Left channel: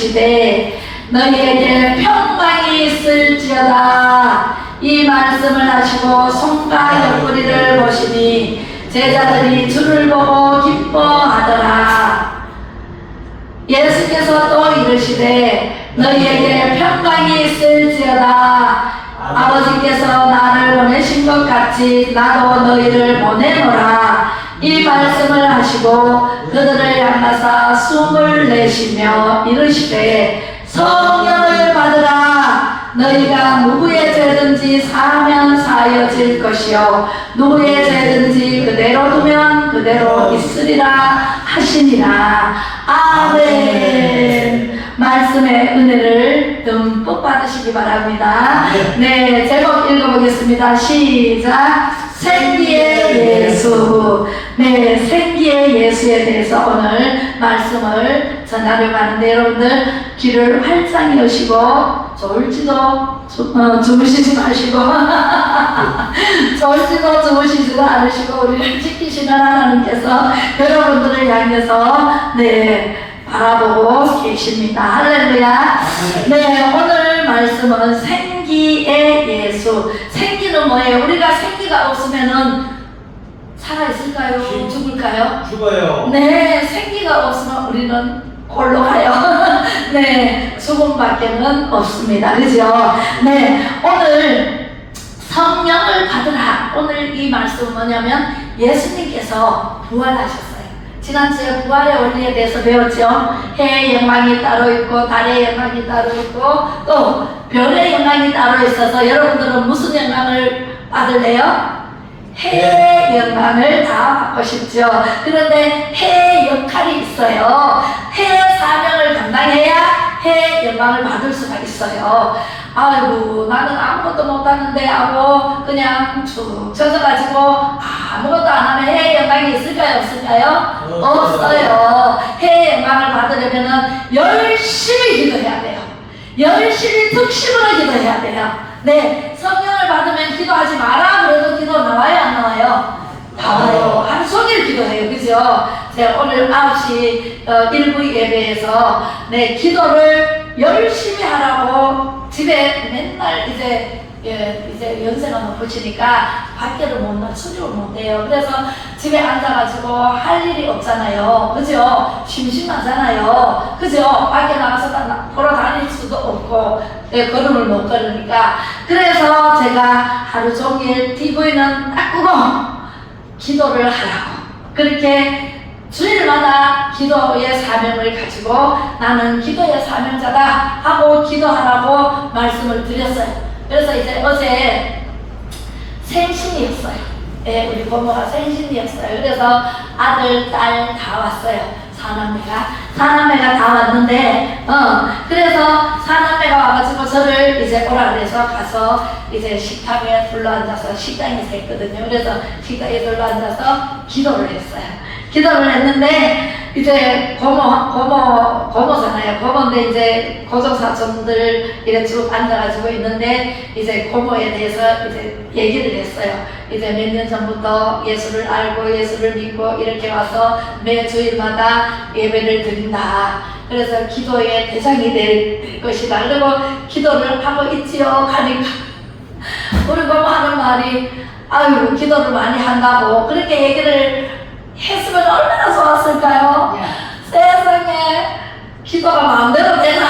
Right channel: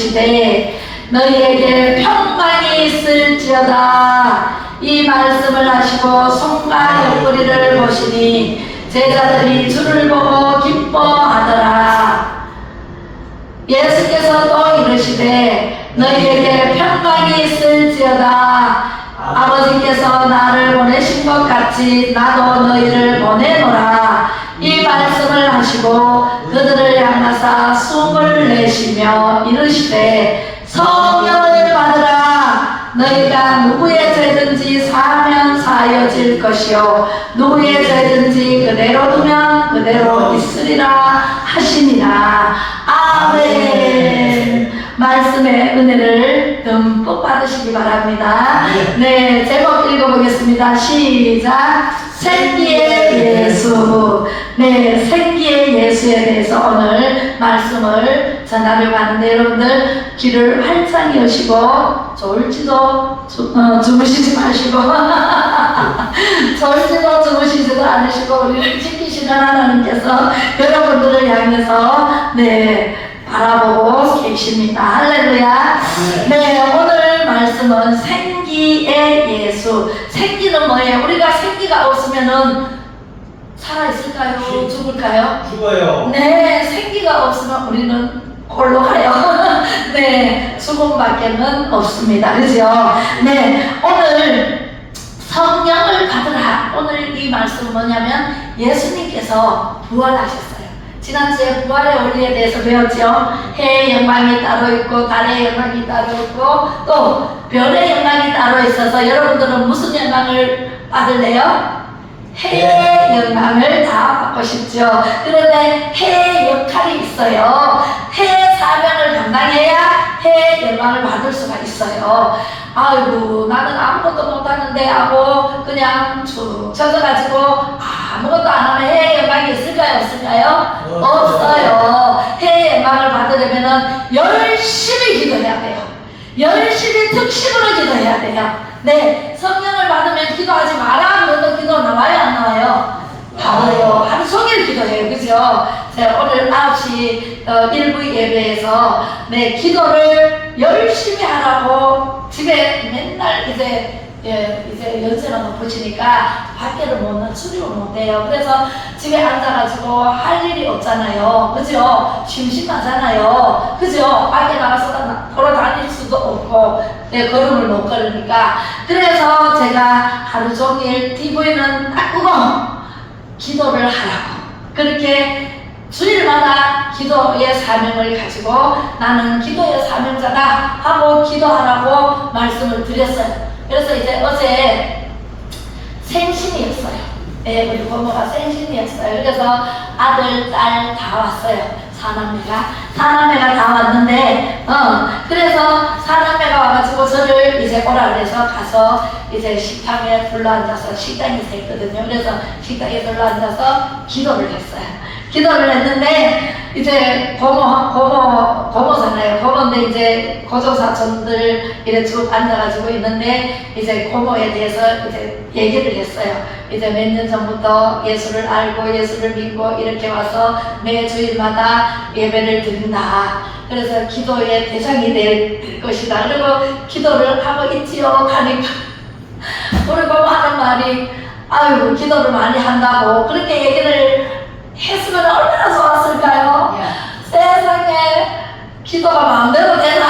시되 너희에게 평강이 있을지어다. 이 말씀을 하시고 손과 옆구리를 보시니 제자들이 주를 보고 기뻐하더라. 예수께서 또 이르시되 너희에게 평강이 있을지어다. 아버지께서 나를 보내신 것 같이 나도 너희를 보내노라. 이 말씀을 하시고 그들을 향하사 숨을 내쉬며 이르시되 성령을 받으라. 너희가 누구의 죄든지 사하면 사하여질 것이요 누구의 죄든지 그대로 두면 그대로 있으리라 하시니라. 아멘. 말씀의 은혜를 듬뿍 받으시기 바랍니다. 네, 제목 읽어보겠습니다. 시작. 생기의 예수. 네, 생기의 예수에 대해서 오늘 말씀을 전하려고 하는데 여러분들 귀를 활짝 여시고 졸지도 주무시지 마시고 졸지도 주무시지도 않으시고 우리를 지키시는 하나님께서 여러분들을 향해서 네 바라보고 계십니다. 할렐루야. 네, 오늘 말씀은 생기의 예수. 생기는 뭐예요? 우리가 생기가 없으면은 살아있을까요? 죽을까요? 죽어요. 네, 생기가 없으면 우리는 홀로 가요. 네, 죽음밖에는 없습니다. 그죠? 네, 오늘 성령을 받으라. 오늘 이 말씀은 뭐냐면 예수님께서 부활하셨어요. 지난주에 부활의 원리에 대해서 배웠죠. 해의 영광이 따로 있고 달의 영광이 따로 있고 또 별의 영광이 따로 있어서 여러분들은 무슨 영광을 받을래요? 해의 영광을 다 받고 싶죠. 그런데 해의 역할이 있어요. 해의 사명을 감당해야 해의 영광을 받을 수가 있어요. 아이고 나는 아무것도 못하는데 하고 그냥 쭉 젖어가지고 아무것도 안 하면 해의 영광이 있을까요? 없을까요? 없어요. 해의 영광을 받으려면 열심히 기도해야 돼요. 열심히 특심으로 기도해야 돼요. 네, 성령을 받으면 기도하지 마라 그래도 기도 나와요? 안 나와요? 나와요. 하루 종일 기도해요. 그죠? 제가 오늘 9시 일부 예배에서 네, 기도를 열심히 하라고 집에 맨날 이제 연세가 높으시니까 밖에를 수립을 못해요. 그래서 집에 앉아가지고 할 일이 없잖아요. 그죠? 심심하잖아요. 그죠? 밖에 나가서 돌아다닐 수도 없고 네, 걸음을 못 걸으니까 그래서 제가 하루 종일 TV는 딱 끄고 기도를 하라고 그렇게 주일마다 기도의 사명을 가지고 나는 기도의 사명자다 하고 기도하라고 말씀을 드렸어요. 그래서 이제 어제 생신이었어요. 네, 우리 부모가 생신이었어요. 그래서 아들, 딸 다 왔어요. 사남매가 다 왔는데, 그래서 사남매가 와가지고 저를 이제 오라 그래서 가서 이제 식탁에 둘러앉아서 식당에서 했거든요. 그래서 식당에 둘러앉아서 기도를 했어요. 기도를 했는데, 이제 고모잖아요. 고모인데 이제 고종사촌들 이래 쭉 앉아가지고 있는데, 이제 고모에 대해서 이제 얘기를 했어요. 이제 몇 년 전부터 예수를 알고 예수를 믿고 이렇게 와서 매 주일마다 예배를 드린다. 그래서 기도의 대상이 될 것이다. 그리고 기도를 하고 있지요. 하니까 우리 고모 하는 말이 아유 기도를 많이 한다고 그렇게 얘기를 했으면 얼마나 좋았을까요? 세상에 기도가 마음대로 되나?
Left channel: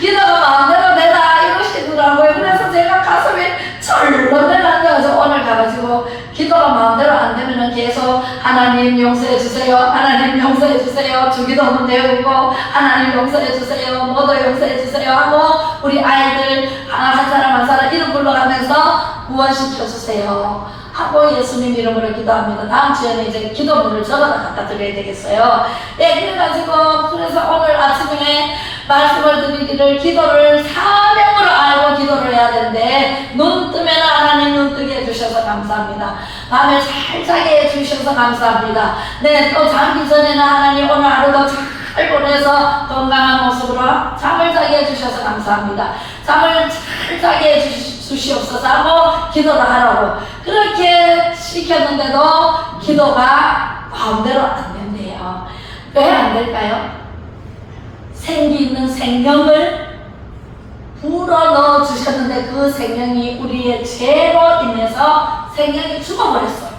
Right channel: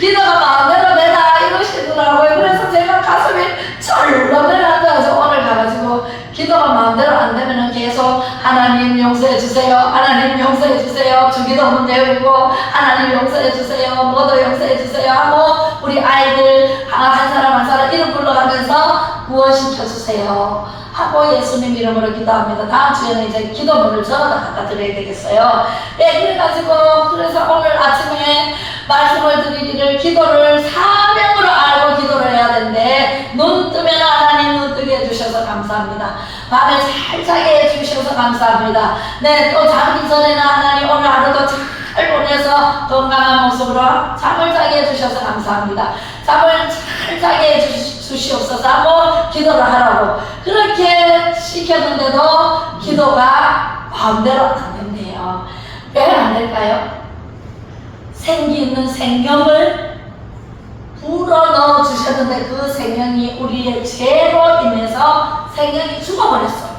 기도가 마음대로 되나? 이러시더라고요. 그래서 제가 가슴이 철렁 내려앉아서 오늘 가가지고 기도가 마음대로 안 되면은 계속 하나님 용서해 주세요. 하나님 용서해 주세요. 주기도문 배우고 하나님 용서해 주세요. 뭐도 용서해 주세요 하고 우리 아이들 한 사람 한 사람 이름 불러가면서 구원시켜 주세요. 하고 예수님 이름으로 기도합니다. 다음 주에는 이제 기도문을 적어다 갖다 드려야 되겠어요. 네, 그래가지고 그래서 오늘 아침에 말씀을 드리기를 기도를 사명으로 알고 기도를 해야 되는데 눈 뜨면 하나님 눈 뜨게 해주셔서 감사합니다. 밤에 잘 자게 해주셔서 감사합니다. 네, 또 자기 전에는 하나님 오늘 하루도 잘 보내서 건강한 모습으로 잠을 자게 해주셔서 감사합니다. 잠을 잘 자게 해주시옵소서 하고 기도를 하라고 그렇게 시켰는데도 기도가 마음대로 안 된대요. 왜 안 될까요? 생기 있는 생명을 불어넣어 주셨는데 그 생명이 우리의 죄로 인해서 생명이 죽어버렸어요.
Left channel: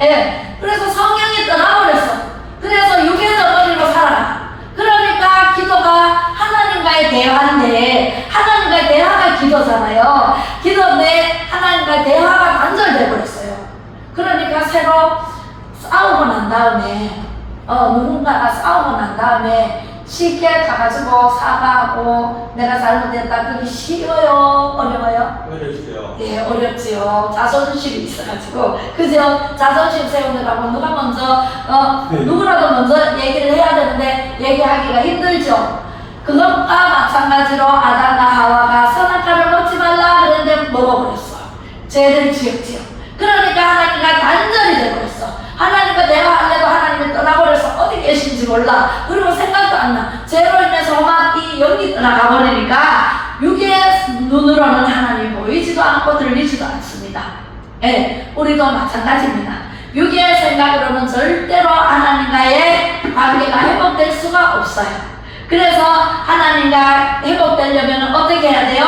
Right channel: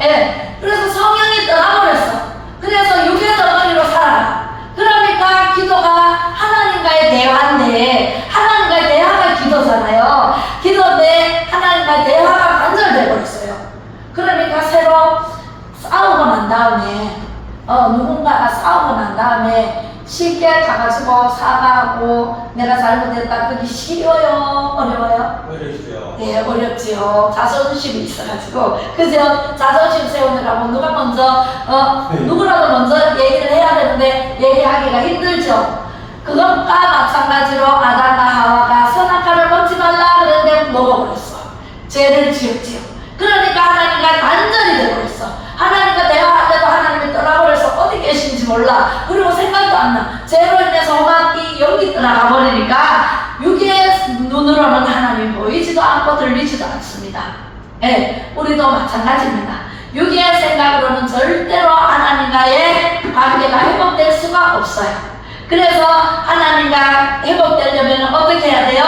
예. 그래서 성령이 떠나버렸어. 그래서 육의 덩어리로 살아라. 그러니까 기도가 하나님과의 대화인데, 하나님과의 대화가 기도잖아요. 기도인데 하나님과의 대화가 단절돼 버렸어요. 그러니까 새로 싸우고 난 다음에 누군가가 싸우고 난 다음에 쉽게 가가지고 사과하고 내가 잘못했다, 그게 쉬워요? 어려워요? 어렵죠. 네, 어렵지요. 자존심이 있어가지고. 그죠? 자존심 세우느라고 누가 먼저 누구라도 먼저 얘기를 해야 되는데 얘기하기가 힘들죠. 그것과 마찬가지로 아담과 하와가 선악과를 먹지 말라 그랬는데 먹어버렸어. 죄를 지었지요. 그러니까 하나님과 단절이 되어버렸어. 하나님과 대화하려고 하나님이 떠나버려서 어디 계신지 몰라. 그리고 생각도 안 나. 죄로 인해서 막 이 영이 떠나가 버리니까 육의 눈으로는 하나님 보이지도 않고 들리지도 않습니다. 예, 우리도 마찬가지입니다. 육의 생각으로는 절대로 하나님과의 관계가 회복될 수가 없어요. 그래서 하나님과 회복되려면 어떻게 해야 돼요?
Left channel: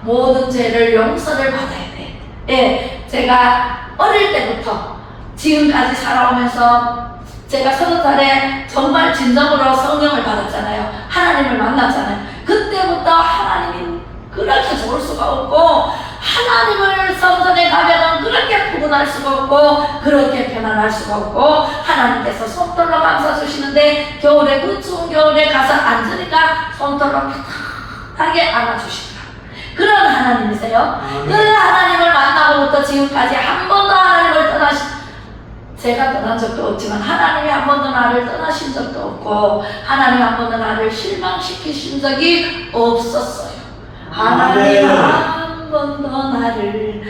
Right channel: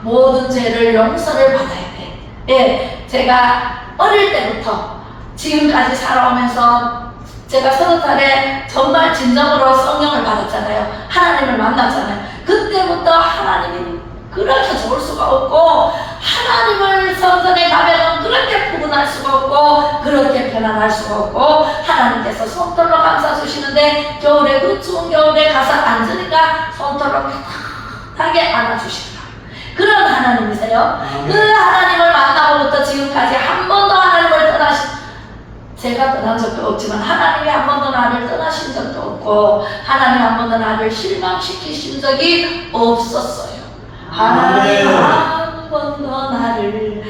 모든 죄를 용서를 받아야 돼요. 예, 제가 어릴 때부터 지금까지 살아오면서 제가 30살에 정말 진정으로 성령을 받았잖아요. 하나님을 만났잖아요. 그때부터 하나님이 그렇게 좋을 수가 없고, 하나님을 성전에 가면은 그렇게 푸근할 수가 없고, 그렇게 편안할 수가 없고, 하나님께서 손떨로 감싸 주시는데 겨울에, 그 추운 겨울에 가서 앉으니까 손떨로 편하게 안아주시더라. 그런 하나님이세요. 그 하나님을 만나고부터 지금까지 한 번도 하나님을 제가 떠난 적도 없지만 하나님이 한 번도 나를 떠나신 적도 없고, 하나님 한 번도 나를 실망시키신 적이 없었어요. 하나님 한 번도 나를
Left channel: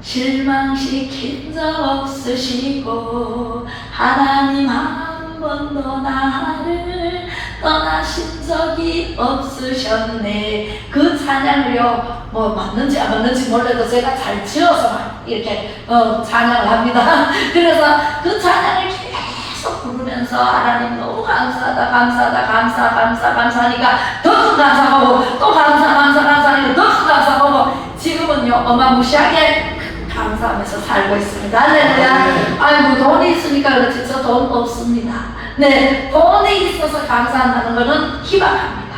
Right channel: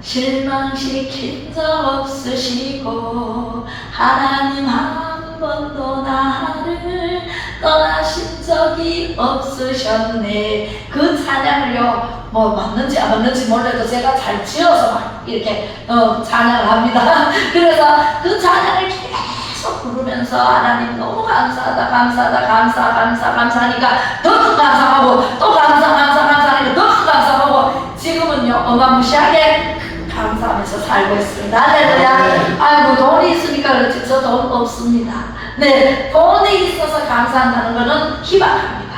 실망시킨 적 없으시고, 하나님 한 번도 나를 떠나신 적이 없으셨네. 그 찬양을요, 뭐 맞는지 안 맞는지 몰라도 제가 잘 지어서 막 이렇게 찬양을 합니다. 그래서 그 찬양을 계속 부르면서 하나님 너무 감사하다, 감사하다, 감사하니까 더 감사하고, 또 감사하니까 더 감사하고, 지금은요 어마무시하게 감사하면서 살고 있습니다. 할렐루야. 아이고, 돈이 있으니까 그렇지 저 돈 없습니다. 네, 돈이 있어서 감사한다는 것은 희박합니다.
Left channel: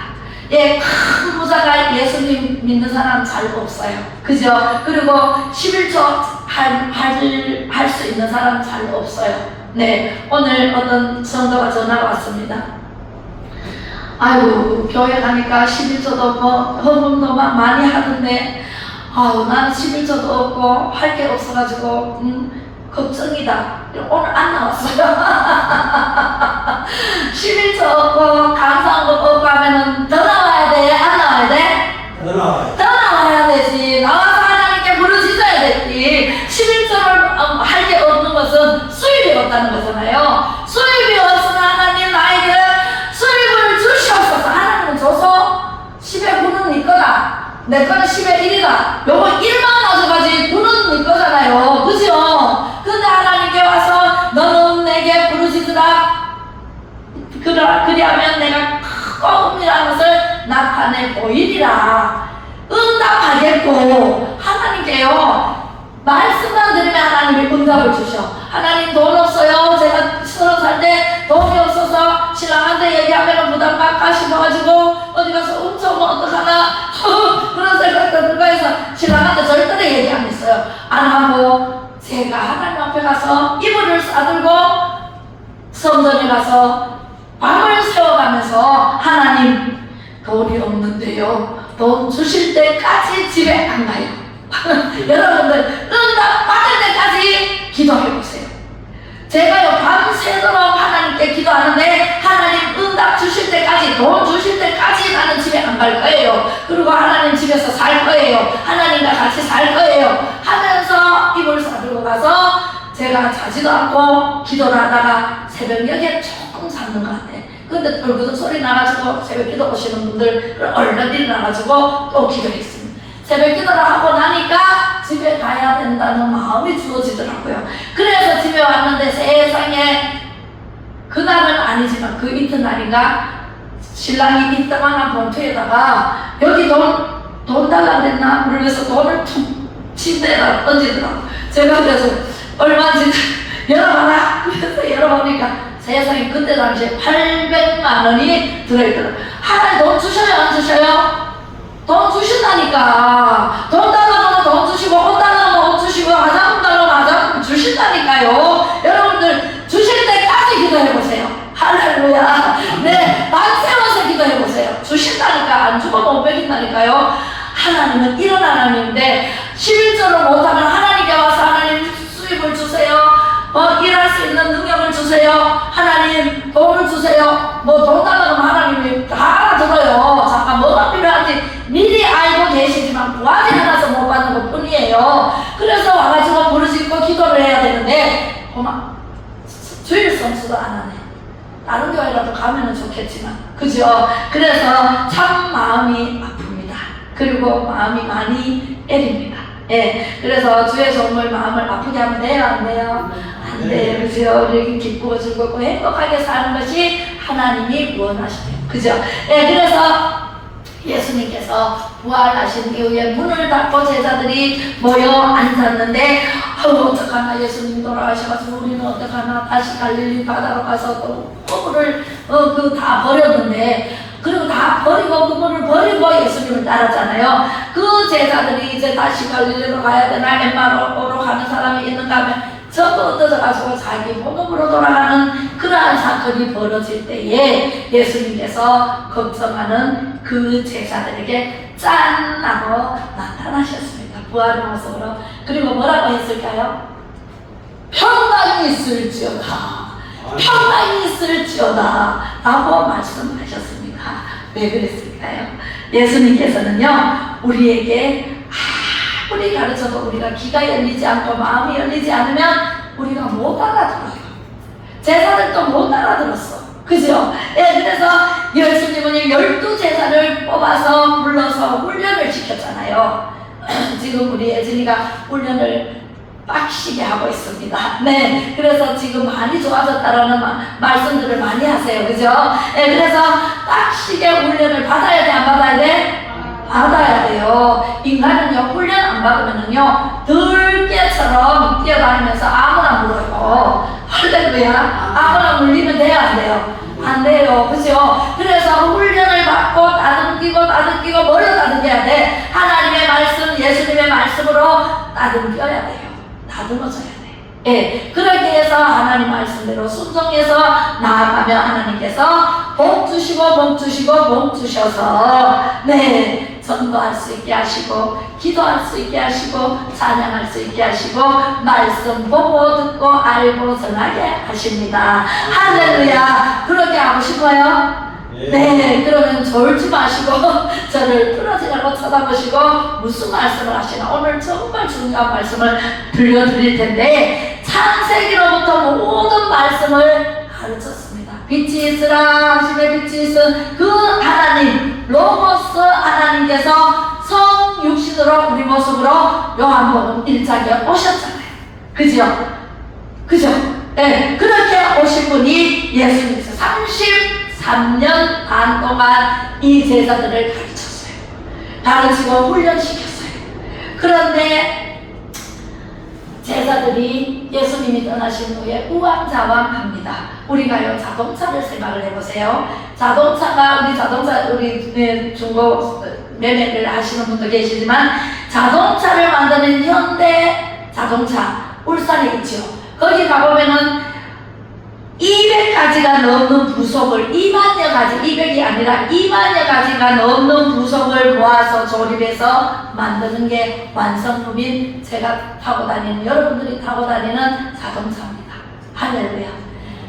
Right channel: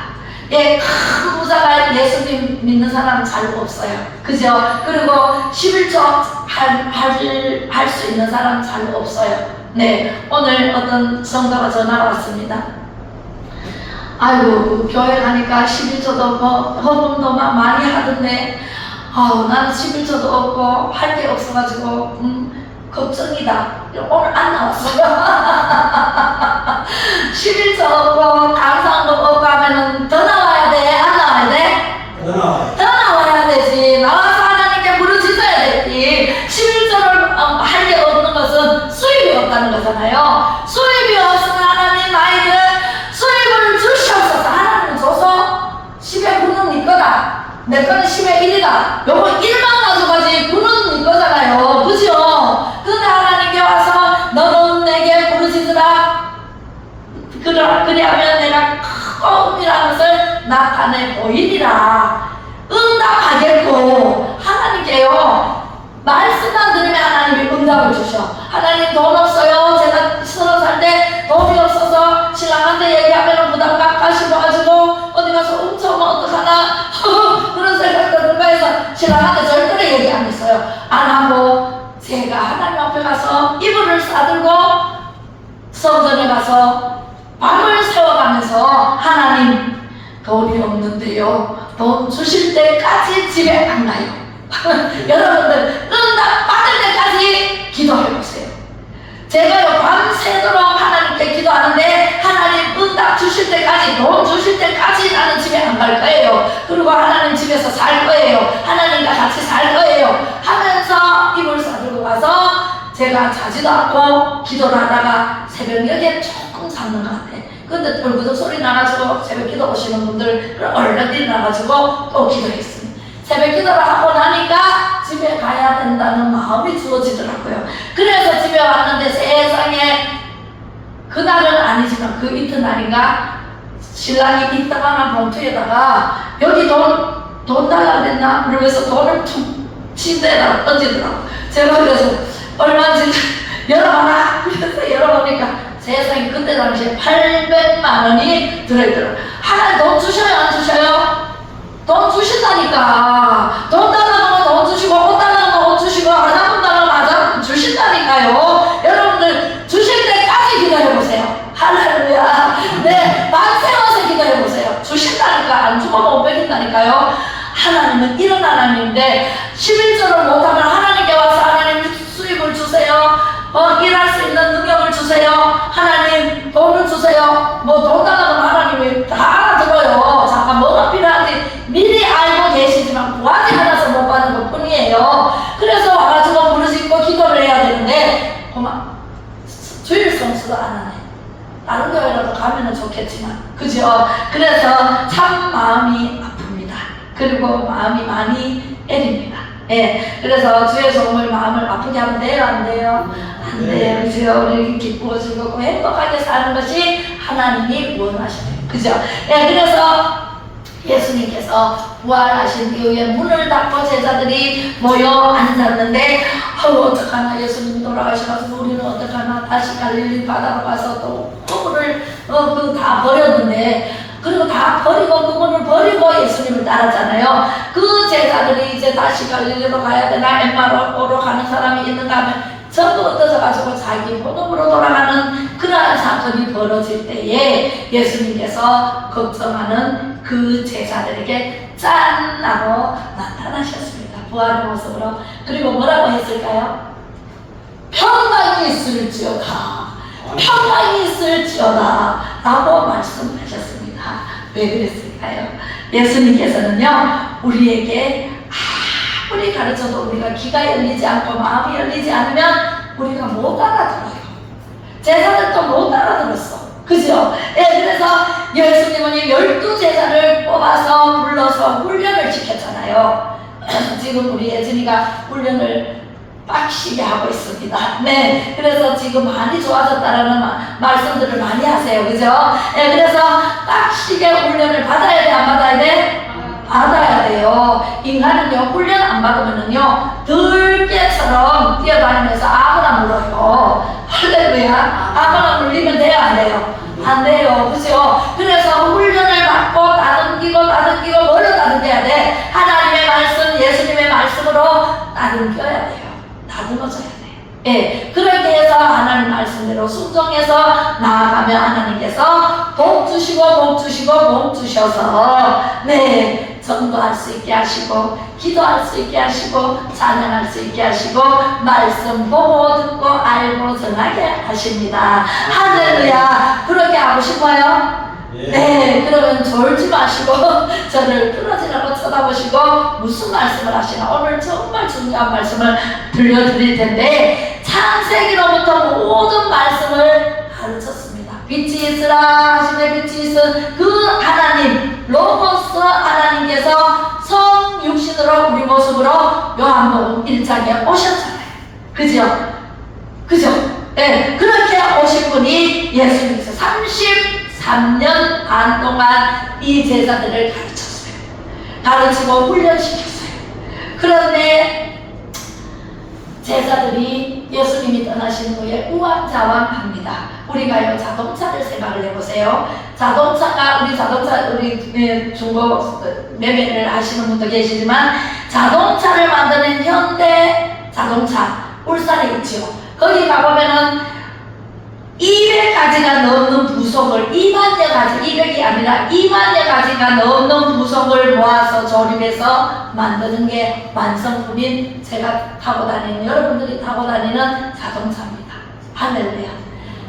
예, 큰 부자가 예수님 믿는 사람은 잘 없어요. 그죠? 그리고 11조 할 수 있는 사람은 잘 없어요. 네, 오늘 어떤 성도가 전화가 왔습니다. 아이고, 교회 가니까 11조도 뭐 헌금도 막 많이 하던데, 아우, 나는 11조도 없고 할 게 없어가지고 걱정이다. 오늘 안 나왔어요. 11조 없고 감사한거 없고 하면은 더 나와야 돼? 안 나와야 돼? 더 나와야 되지. 나와서 하나님께 부르짖어야 되지. 11조를 할 게 없는 것은 수입이 없다는 거잖아요. 수입이 없으면 하나님 나에게 수입을 주시옵소서. 하나님은 줘서 10의 9는 네 거다. 내 거는 10의 1이다. 요거 1만 가져가지 9는 네 거잖아요. 그죠? 근데 하나님께 와서 너는 내게 부르짖으라. 그리하면 내가 크고 은밀한 것을 나타내 보이리라. 응답하겠고, 하나님께요 말씀만 드리면 하나님이 응답을 주셔. 하나님 돈 없어요. 제가 30살 때 돈이 없어서 신랑한테 얘기하면 부담 깎아 싶어가지고 어디 가서 훔쳐오면 어떡하나 그런 생각도 들고 해서 신랑한테 절대로 얘기 안 했어요. 안 하고 제가 하나님 앞에 가서 이불을 싸들고 성전에 가서 밤을 새워가면서 하나님 돈이 없는데요, 돈 주실 때까지 집에 안 가요. 여러분들 응답 받을 때까지 기도해보세요. 제가요 밤새도록 하나님께 기도하는데 하나님 응답 주실 때까지, 돈 주실 때까지 나는 집에 안 갈 거예요. 그리고 하나님 집에서 살 거예요. 하나님과 같이 살 거예요 하면서 이불 싸들고 가서 제가 자지도 않고 기도를 하다가 새벽녘에 조금 잤는 것 같아. 근데 얼굴도 소리 나가지고 새벽 기도 오시는 분들 얼른 일어나가지고 또 기도했습니다. 새벽 기도를 하고 나니까 집에 가야 된다는 마음이 주어지더라고요. 그래서 집에 왔는데 세상에, 그날은 아니지만 그 이튿날인가 신랑이 이따만한 봉투에다가 여기 돈 달라 그랬나? 그러면서 돈을 툭 침대에다 던지더라고. 제가 그래서 얼마인지 열어봐라. 그래서 열어보니까 세상에 그때 당시에 800만 원이 들어있더라고. 하나님 돈 주셔요? 안 주셔요? 돈 주신다니까. 돈 달라고 돈 주시고, 옷 달라고 옷 주시고, 화장품 달라고 화장품 주신다니까요. 여러분들 주실 때까지 기도해보세요. 할렐루야. 네, 만세워서 기도해보세요. 주신다니까. 안 주고 못 베긴다니까요. 하나님은 이런 하나님인데 11조를 못하면 하나님께 와서 하나님 수입을 주세요. 일할 수 있는 능력을 주세요. 하나님 돈을 주세요. 뭐 돈 달라고 하나님이 다 알아들어요. 잠깐 뭐가 필요한지 미리 알고 계시지만 구하지 않아서 못 받는 것 뿐이에요. 그래서 와가지고 무릎짓고 기도를 해야 되는데 고마 주일 성수도 안 하네. 다른 교회라도 가면은 좋겠지만 그죠? 그래서 참 마음이 아픕니다. 그리고 마음이 많이 애립니다. 예, 그래서 주의 종을 마음을 아프게 하면 돼요? 안 돼요? 안 돼요. 그죠? 우리 기쁘고 즐겁고 행복하게 사는 것이 하나님이 원하시네요. 그죠? 예, 그래서 예수님께서 부활하신 이후에 문을 닫고 제자들이 모여 앉았는데 어떡하나 예수님이 돌아가셔가지고 우리는 어떡하나 다시 갈릴리 바다로 가서 또 그물을 다 버렸는데 그리고 다 버리고 그물을 버리고 예수님을 따랐잖아요. 그 제자들이 이제 다시 갈릴리로 가야 되나 엠마오로 가는 사람이 있는가 하면 전부 흩어져가지고 자기 본업으로 돌아가는 그러한 사건이 벌어질 때에 예수님께서 걱정하는 그 제자들에게 짠 하고 나타나셨습니다. 부활의 모습으로. 그리고 뭐라고 했을까요? 평강이 있을지어다. 평강이 있을지어다 라고 말씀하셨습니다. 왜 그랬을까요? 예수님께서는요 우리에게 아무리 가르쳐도 우리가 귀가 열리지 않고 마음이 열리지 않으면 우리가 못 알아들어요. 제자들도 못 알아들었어. 그죠? 예, 그래서 예수님은 12제자를 뽑아서 불러서 훈련을 시켰잖아요. 지금 우리 예진이가 훈련을 빡시게 하고 있습니다. 네, 그래서 지금 많이 좋아졌다라는 말씀들을 많이 하세요. 그죠? 네, 그래서 빡시게 훈련을 받아야 돼, 안 받아야 돼? 받아야 돼요. 인간은요, 훈련 안 받으면은요, 들깨처럼 뛰어다니면서 아무나 물어요. 할렐루야. 아무나 물리면 돼요, 안 돼요? 안 돼요. 그죠? 그래서 훈련을 받고 다듬기고 뭐를 다듬겨야 돼? 하나님의 말씀, 예수님의 말씀으로 다듬겨야 돼요. 다듬어져야 돼. 예, 그렇게 해서 하나님 말씀대로 순종해서 나아가면 하나님께서 복 주셔서 네, 전도할 수 있게 하시고 기도할 수 있게 하시고 찬양할 수 있게 하시고 말씀 보고 듣고 알고 전하게 하십니다. 할렐루야. 그렇게 하고 싶어요? 네, 그러면 졸지 마시고 저를 뚫어지라고 쳐다보시고 무슨 말씀을 하시나 오늘 정말 중요한 말씀을 들려드릴 텐데 창세기로부터 모든 말씀을 가르쳤습니다. 빛이 있으라 하시되 빛이 있은 그 하나님 로고스 하나님께서 성육신으로 우리 모습으로 요한복음 1장에 오셨잖아요. 그죠? 그죠? 네, 그렇게 오신 분이 예수님께서 33년 반 동안 이 제자들을 가르쳤어요. 가르치고 훈련시켰어요. 그런데 제자들이 예수님이 떠나신 후에 우왕좌왕합니다. 우리가요 자동차를 생각을 해보세요. 자동차가 우리 중고 매매를 하시는 분도 계시지만 자동차를 만드는 현대 자동차 울산에 있지요. 거기 가보면은 200가지가 넘는 부속을 2만여 가지, 200이 아니라 2만여 가지가 넘는 부속을 모아서 조립해서 만드는 게 완성품인 제가 타고 다니는 여러분들이 타고 다니는 자동차입니다. 할렐루야.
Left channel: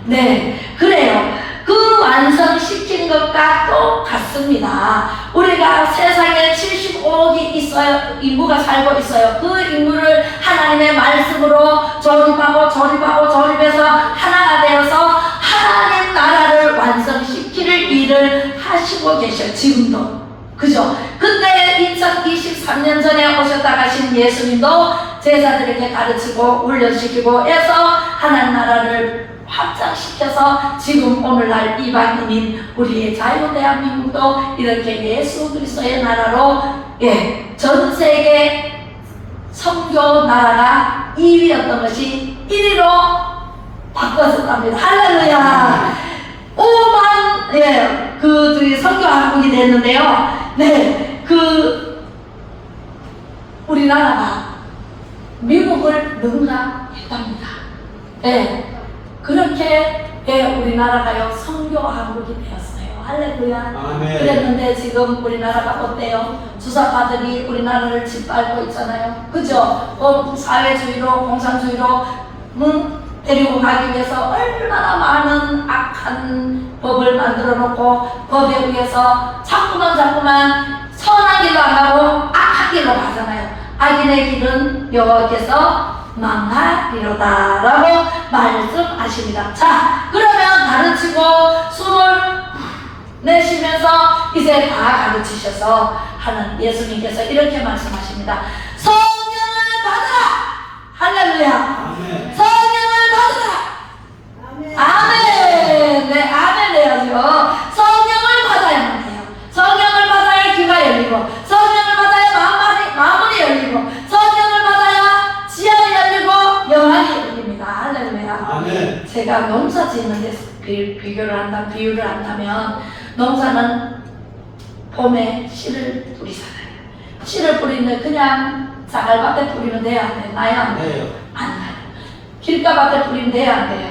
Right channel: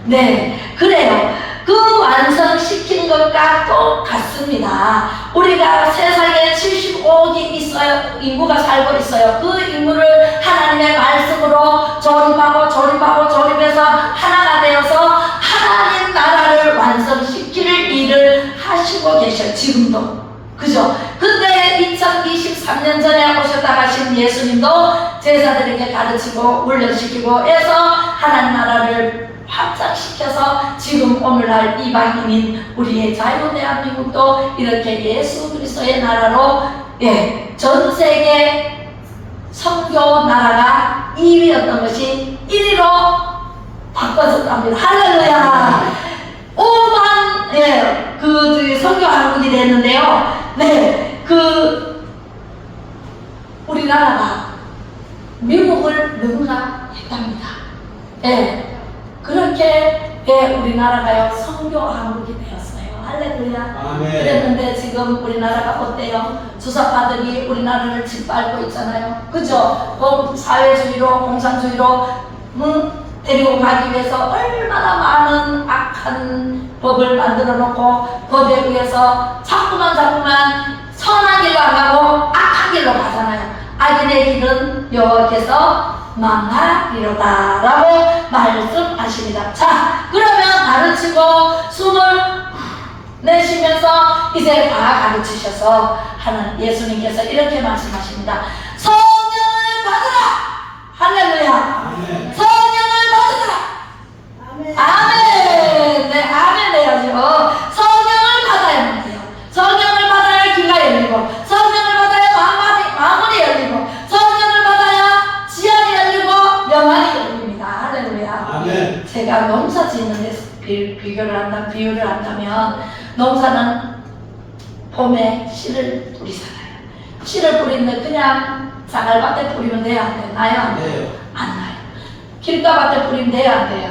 네, 그래요. 그 완성시킨 것과 똑같습니다. 우리가 세상에 75억이 있어요. 인구가 살고 있어요. 그 인구를 하나님의 말씀으로 조립해서 하나가 되어서 하나님 나라를 완성시킬 일을 하시고 계셔요. 지금도. 그죠? 근데 2023년 전에 오셨다 가신 예수님도 제자들에게 가르치고 훈련시키고 해서 하나님 나라를 확장시켜서 지금 오늘날 이방인인 우리의 자유 대한민국도 이렇게 예수 그리스도의 나라로 전 세계 선교 나라가 2위였던 것이 1위로 바꿔졌답니다. 할렐루야. 5만 그 선교 한국이 됐는데요. 우리나라가 미국을 능가했답니다. 그렇게 우리나라가요 선교 한국이 되었어요. 할렐루야. 아멘. 그랬는데 지금 우리나라가 어때요? 주사파들이 우리나라를 짓밟고 있잖아요. 그죠? 사회주의로 공산주의로 데리고 가기 위해서 얼마나 많은 악한 법을 만들어 놓고 법에 의해서 자꾸만 선한 길로 안 가고 악한 길로 가잖아요. 악인의 길은 여호와께서 망하리로다 라고 말씀하십니다. 자, 그러면 가르치고 숨을 내쉬면서 이제 다 가르치셔서 하는 예수님께서 이렇게 말씀하십니다. 성령을 받으라. 할렐루야. 아멘. 성령을 받으라. 아멘. 네, 아멘 해야죠. 성령을 받아야만 해요. 성령을 받아야 귀가 열리고, 성령을 받아야 마음이 열리고, 성령을 받아야 지안이 열리고 영안이 열립니다. 할렐루야. 아멘. 제가 농사 짓는 데서 비유를 한다면, 농사는 봄에 씨를 뿌리잖아요. 씨를 뿌리는데 그냥 쌀밭에 뿌리면 돼요? 안 돼요? 나요? 안 돼요? 안 나요. 길가밭에 뿌리면 돼요? 안 돼요?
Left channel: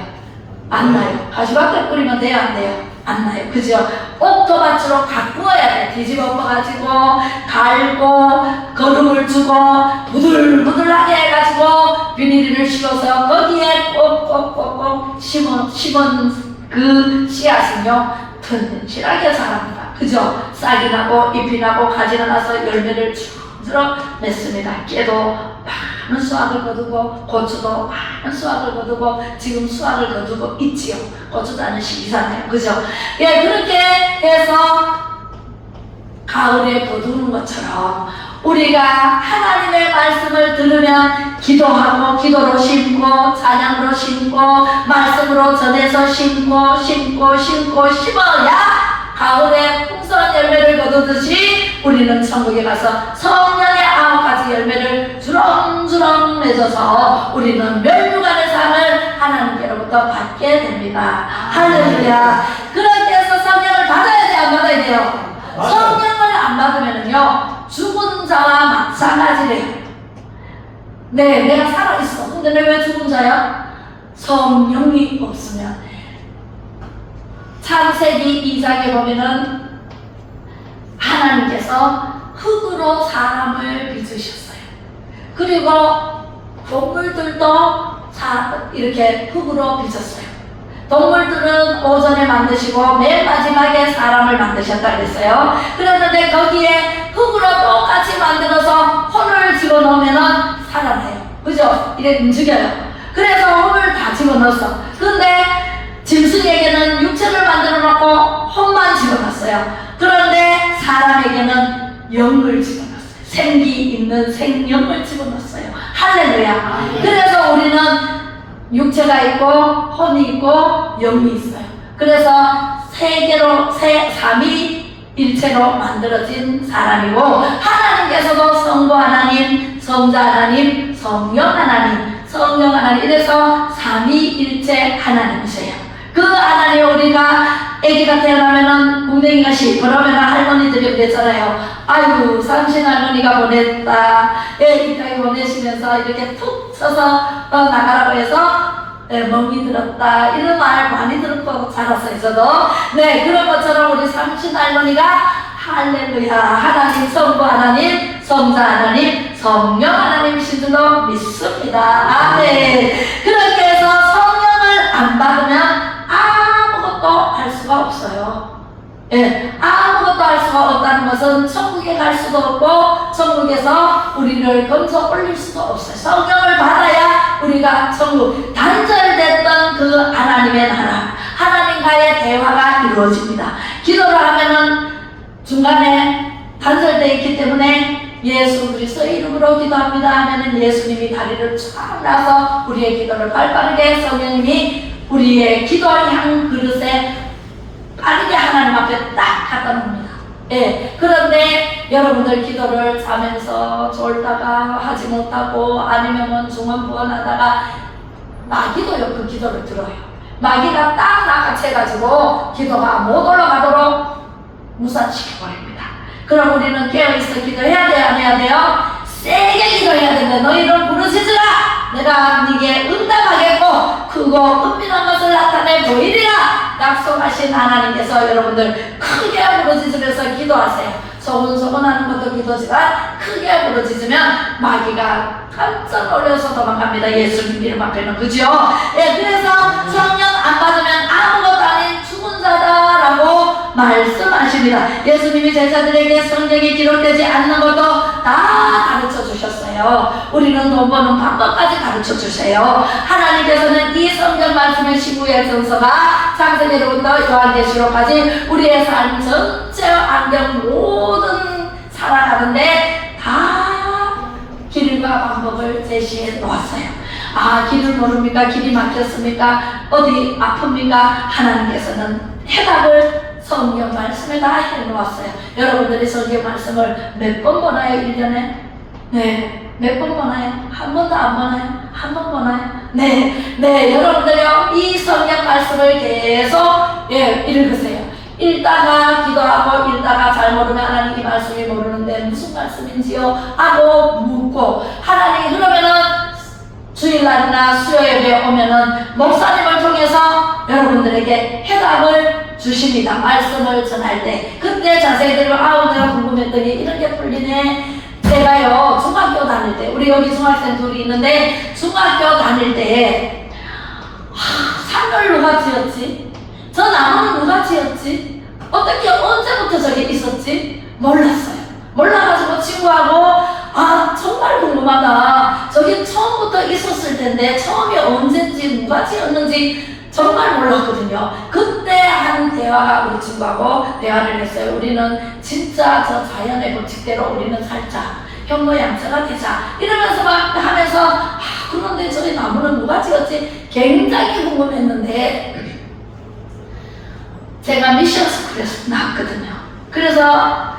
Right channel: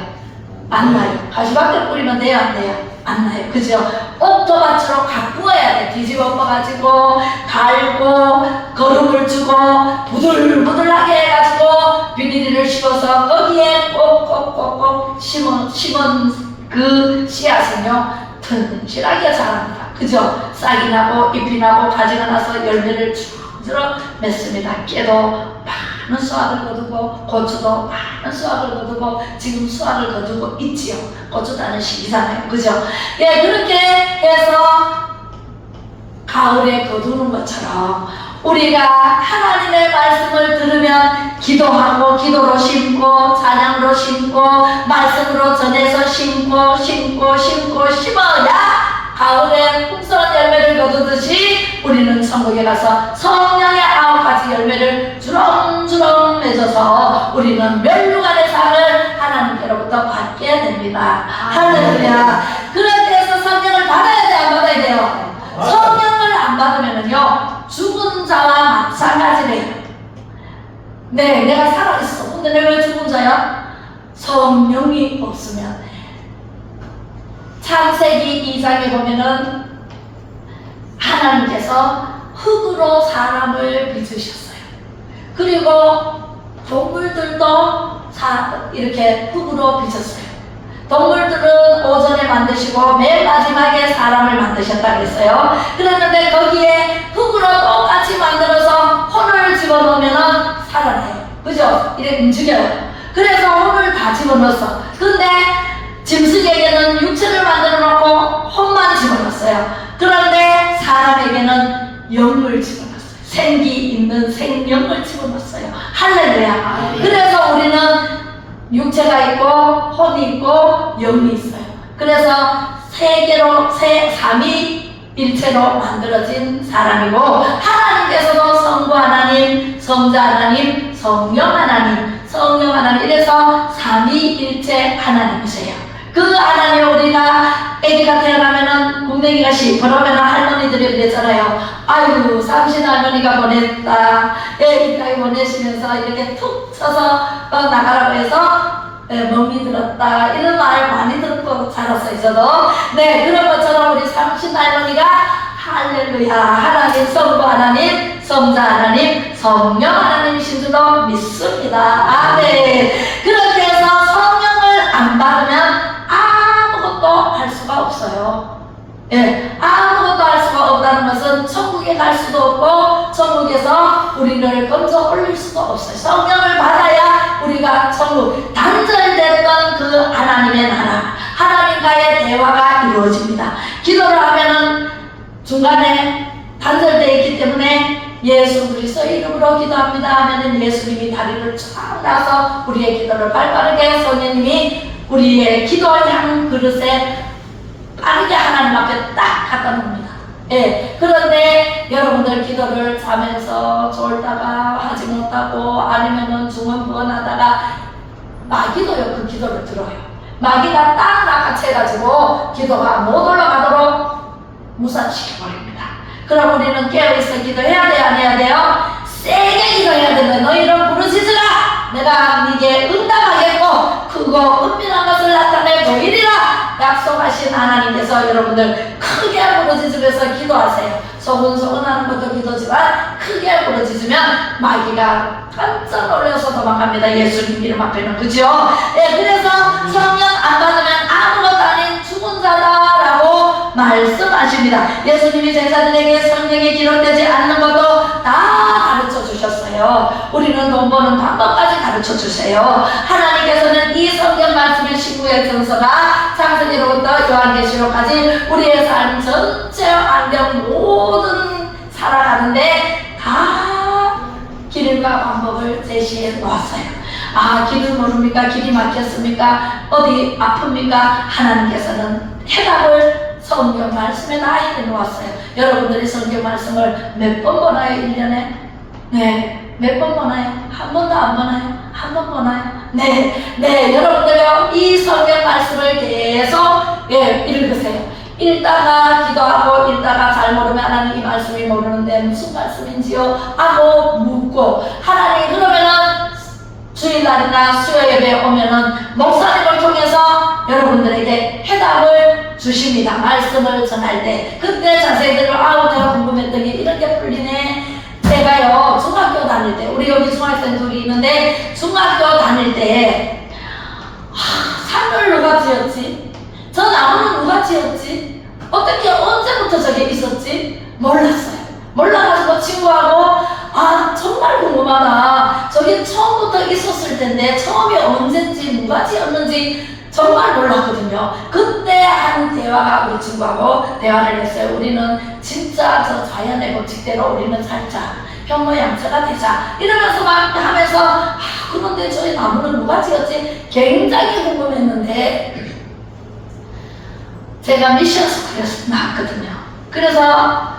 안 나요. 가시밭에 뿌리면 돼요? 안 돼요? 안 나요. 그죠? 옥토밭으로 가꾸어야 돼. 뒤집어 엎어가지고 갈고 거름을 주고 부들부들하게 해가지고 비닐을 씌워서 거기에 꼭꼭꼭꼭 심은 그 씨앗은요 튼실하게 자랍니다. 그죠? 싹이 나고 잎이 나고 가지가 나서 열매를 주렁주렁 맺습니다. 깨도 많은 수확을 거두고 고추도 많은 수확을 거두고 지금 수확을 거두고 있지요. 고추도 하는 시기잖아요. 그죠? 그렇게 해서 가을에 거두는 것처럼 우리가 하나님의 말씀을 들으면 기도하고 기도로 심고 찬양으로 심고 말씀으로 전해서 심어야 가을에 풍성한 열매를 거두듯이 우리는 천국에 가서 성령의 9가지 열매를 주렁주렁 맺어서 우리는 멸류관의 상을 하나님께로부터 받게 됩니다. 할렐루야. 그렇게 해서 성령을 받아야 돼, 안 받아야 돼요? 성령을 안 받으면요 죽은 자와 마찬가지래요. 내가 살아있어. 근데 내가 왜 죽은 자야? 성령이 없으면. 창세기 2장에 보면은 하나님께서 흙으로 사람을 빚으셨어요. 그리고 동물들도 이렇게 흙으로 빚었어요. 동물들은 오전에 만드시고 맨 마지막에 사람을 만드셨다 그랬어요. 그랬는데 거기에 흙으로 똑같이 만들어서 혼을 집어넣으면 살아나요. 그죠? 이래 움직여요. 그래서 혼을 다 집어넣었어. 근데 짐승에게는 육체를 만들어 놓고 혼만 집어넣었어요. 그런데 사람에게는 영을 집어넣었어요. 생기 있는 생명을 집어넣었어요. 할렐루야. 그래서 우리는 육체가 있고 혼이 있고 영이 있어요. 그래서 삼위일체로 만들어진 사람이고 하나님께서도 성부 하나님, 성자 하나님, 성령 하나님 이래서 삼위일체 하나님이세요. 그 하나님 우리가 아기가 태어나면은 궁뎅이가 시퍼러면 할머니들이 그랬잖아요. 아유 삼신 할머니가 보냈다. 아기가 보내시면서 이렇게 툭 쳐서 나가라고 해서 멍이 들었다. 이런 말 많이 들었고 자랐어요. 저도. 그런 것처럼 우리 삼신 할머니가 할렐루야 하나님 성부 하나님 성자 하나님 성령 하나님이신 줄로 믿습니다. 아멘. 그렇게 해서 성령을 안 받으면 아무것도 할 수가 없어요. 아무것도 할 수가 없다는 것은 천국에 갈 수도 없고 천국에서 우리를 건져 올릴 수도 없어요. 성령을 받아야 우리가 천국 단절됐던 그 하나님의 나라 하나님과의 대화가 이루어집니다. 기도를 하면은 중간에 단절되어 있기 때문에 예수 그리스도의 이름으로 기도합니다 하면은 예수님이 다리를 쫙 놔서 우리의 기도를 발빠르게 성령님이 우리의 기도향 그릇에 빠르게 하나님 앞에 딱 갖다 놓습니다. 예. 그런데 여러분들 기도를 자면서 졸다가 하지 못하고 아니면은 중언부언하다가 마귀도요 그 기도를 들어요. 마귀가 딱 낚아채가지고 기도가 못 올라가도록 무산시켜버립니다. 그럼 우리는 깨어있어 기도해야 돼요? 안 해야 돼요? 세게 기도해야 된다. 너희를 부르짖으라. 내가 네게 응답하겠고 크고 은밀한 것을 나타내 보이리라. 약속하신 하나님께서 여러분들 크게 부르짖으면서 기도하세요. 소근소근하는 것도 기도지만 크게 부르짖으면 마귀가 깜짝 놀라서 도망갑니다. 예수님 이름 앞에는. 그죠? 예, 그래서 성령 안 받으면 아무것도 아닌 죽은 자다라고 말씀하십니다. 예수님이 제자들에게 성경이 기록되지 않는 것도 다 가르쳐 주셨어요. 우리는 돈 버는 방법까지 가르쳐 주세요. 하나님께서는 이 성경 말씀의 19의 증서가 창세기로부터 요한계시록까지 우리의 삶 전체 환경 모든 살아가는데 다 길과 방법을 제시해 놓았어요. 아, 길을 모릅니까? 길이 막혔습니까? 어디 아픕니까? 하나님께서는 해답을 성경 말씀에 다 해놓았어요. 여러분들이 성경 말씀을 몇 번 보나요? 1년에? 네. 몇 번 보나요? 한 번도 안 보나요? 한 번 보나요? 네. 네. 여러분들요, 이 성경 말씀을 계속 읽으세요. 읽다가 기도하고 읽다가 잘 모르면 하나님 이 말씀이 모르는데 무슨 말씀인지요? 하고 묻고 하나님 그러면은 주일날이나 수요예배에 오면은 목사님을 통해서 여러분들에게 해답을 주십니다. 말씀을 전할 때 그때 자세히 들어 아우 내가 궁금했더니 이렇게 풀리네. 제가요 중학교 다닐 때 우리 여기 중학생 둘이 있는데 중학교 다닐 때 산을 누가 지었지? 저 나무는 누가 지었지? 어떻게 언제부터 저게 있었지? 몰랐어요. 몰라가지고 친구하고 아 정말 궁금하다. 저게 처음부터 있었을 텐데 처음이 언제인지 누가 지었는지 정말 몰랐거든요. 그때 한 대화가 우리 친구하고 대화를 했어요. 우리는 진짜 저 자연의 법칙대로 우리는 살자. 현모양처가 되자. 이러면서 막 하면서 아 그런데 저기 나무는 누가 지었지? 굉장히 궁금했는데 제가 미션 스쿨에서 나왔거든요. 그래서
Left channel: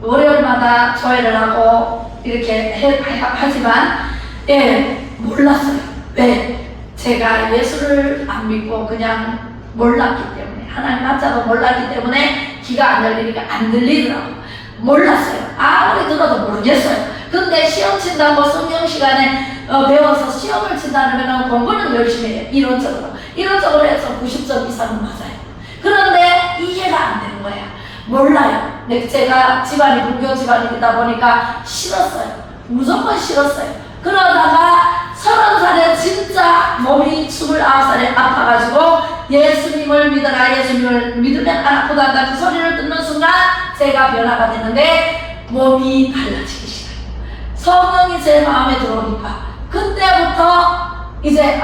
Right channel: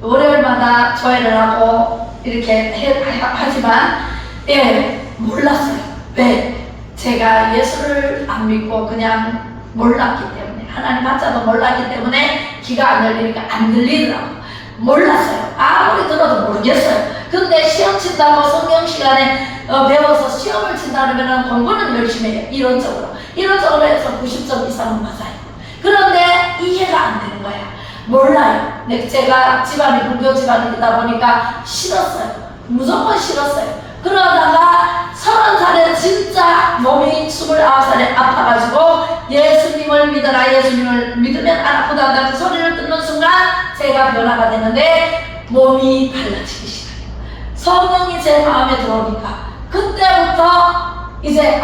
월요일마다 조회를 하고 이렇게 하지만 몰랐어요. 왜? 제가 예수를 안 믿고 그냥 몰랐기 때문에 하나님 한자도 몰랐기 때문에 귀가 안 열리니까 안 들리더라고요. 몰랐어요. 아무리 들어도 모르겠어요. 근데 시험 친다고 성경 시간에 배워서 시험을 친다 그러면 공부는 열심히 해요. 이론적으로 해서 90점 이상은 맞아요. 그런데 이해가 안 되는 거야. 몰라요. 제가 집안이 불교 집안이다 보니까 싫었어요. 무조건 싫었어요. 그러다가 30살에 진짜 몸이 29살에 아파가지고 예수님을 믿어라. 예수님을 믿으면 안 아프단다. 그 소리를 듣는 순간 제가 변화가 되는데 몸이 달라지기 시작해요. 성령이 제 마음에 들어오니까 그때부터 이제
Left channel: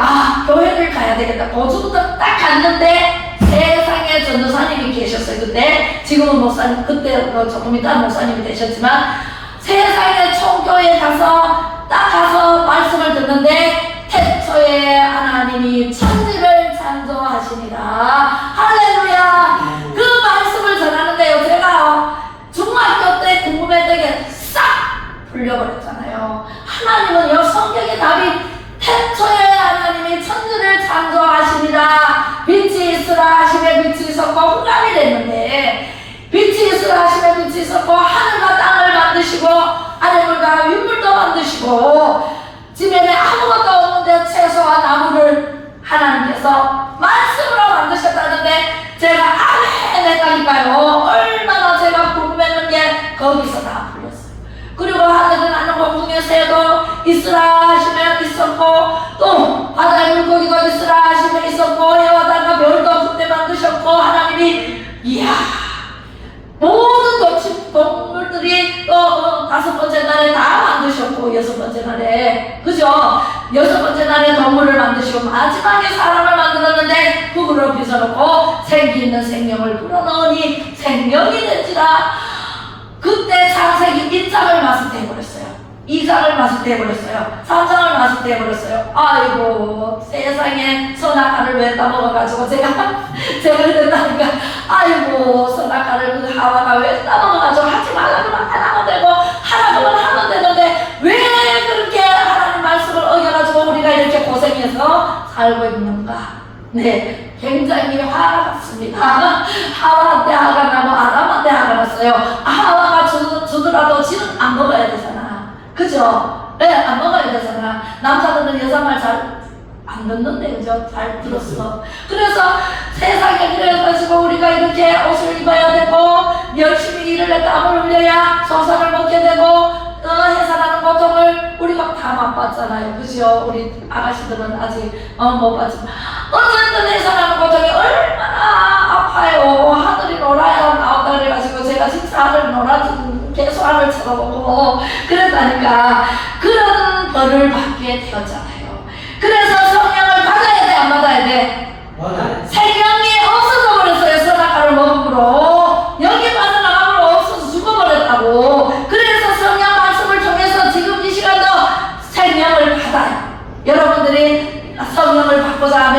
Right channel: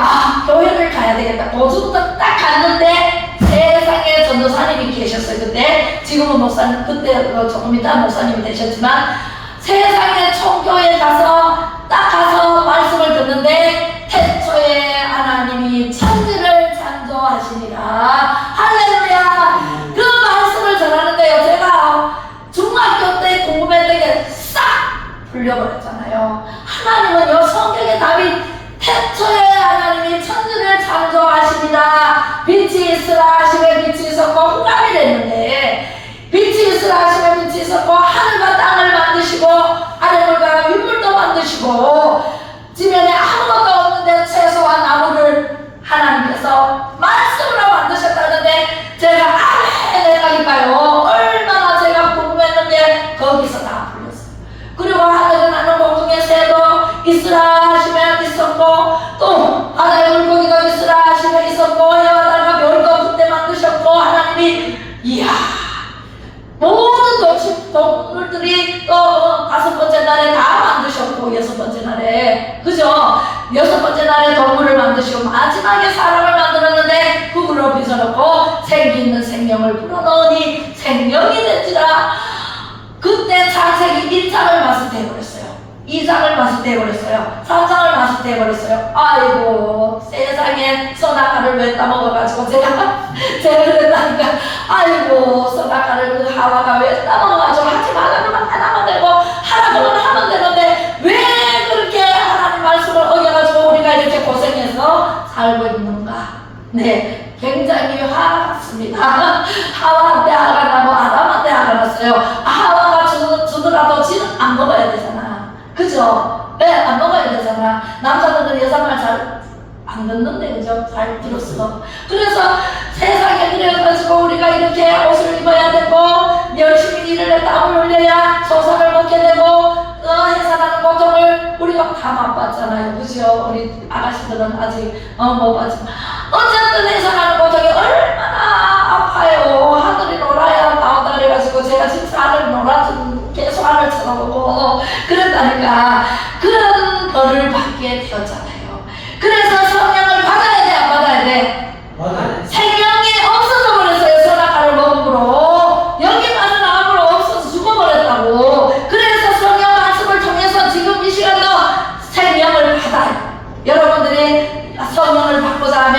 교회를 가야 되겠다. 거주부터 딱 갔는데 세상에 전도사님이 계셨어요. 그때 지금은 목사님 그때 조금 이따 목사님이 되셨지만 세상에 총교에 딱 가서 말씀을 듣는데 태초에 하나님이 천지를 창조하시니라. 할렐루야. 그 말씀을 전하는데요. 제가 중학교 때 궁금했던 게 싹 풀려버렸잖아요. 하나님은요 성경의 답이 태초에 하나님이 천지를 창조하시니라. 빛이 있으라 하시며 빛이 있었고 후감이 됐는데 빛이 있으라 하시며 빛이 있었고 하늘과 땅을 만드시고 아래물과 윗물도 만드시고 지면에 아무것도 없는데 채소와 나무를 하나님께서 말씀으로 만드셨다는데 제가 아멘 했다니까요. 얼마나 제가 궁금했는데 거기서 다 풀렸어요. 그리고 하늘에 나는 공중의 새도 있으라 하시면 있었고 또 바다의 물고기도 있으라 하시면 있었고 해와 달과 별도 그때 만드셨고 하나님이 이야 모든 동물들이 또 5번째 날에 다 만드셨고 6번째 날에 그죠? 6번째 날에 동물을 만드시고 마지막에 사람을 만들었는데 흙으로 빚어놓고 생기 있는 생명을 불어넣으니 생명이 된지라. 그때 창세기 1장을 마스터해버렸어요. 2장을 마스터해버렸어요. 3장을 마스터해버렸어요. 아이고, 세상에 선악과를 왜 따먹어가지고 제가 그랬다니까. 아이고, 선악과를 그 하와가 왜 따먹어가지고 하지 말라고만 하면 되고 하라고만 하면 되는데 왜 그렇게 하나님 말씀을 어겨가지고 우리가 이렇게 고생해서 살고 있는가. 네, 굉장히 화가 났습니다. 하와한테 화가 나고 아담한테 화가 났어요. 하와가 주더라도 지는 안 먹어야 되잖아. 그죠? 네, 안 먹어야 되잖아. 남자들은 여자 말 잘 안 듣는데, 그죠? 잘 들었어. 그래서 세상에 그래가지고 우리가 이렇게 옷을 입어야 되고, 열심히 일을 해 땀을 흘려야 소설을 먹게 되고, 해산하는 고통을 우리가 다 맛봤잖아요. 그죠? 우리 아가씨들은 아직 못 봤지만. 어쨌든 해산하는 고통이 얼마나 아파요. 하늘이 놀아야 나온다 그래가지고 제가 진짜 하늘 놀아준 계속 하늘 쳐다보고 그랬다니까. 그런 벌을 받게 되었잖아요. 그래서 성령을 받아야 돼, 안 받아야 돼? 맞아요. 생명이 없어져 버렸어요. 선악과를 먹음으로. 여기만 나음으로 없어서 죽어버렸다고. 그래서 성령 말씀을 통해서 지금 이 시간도 생명을 받아요. 여러분들이 성령을 받고자 하면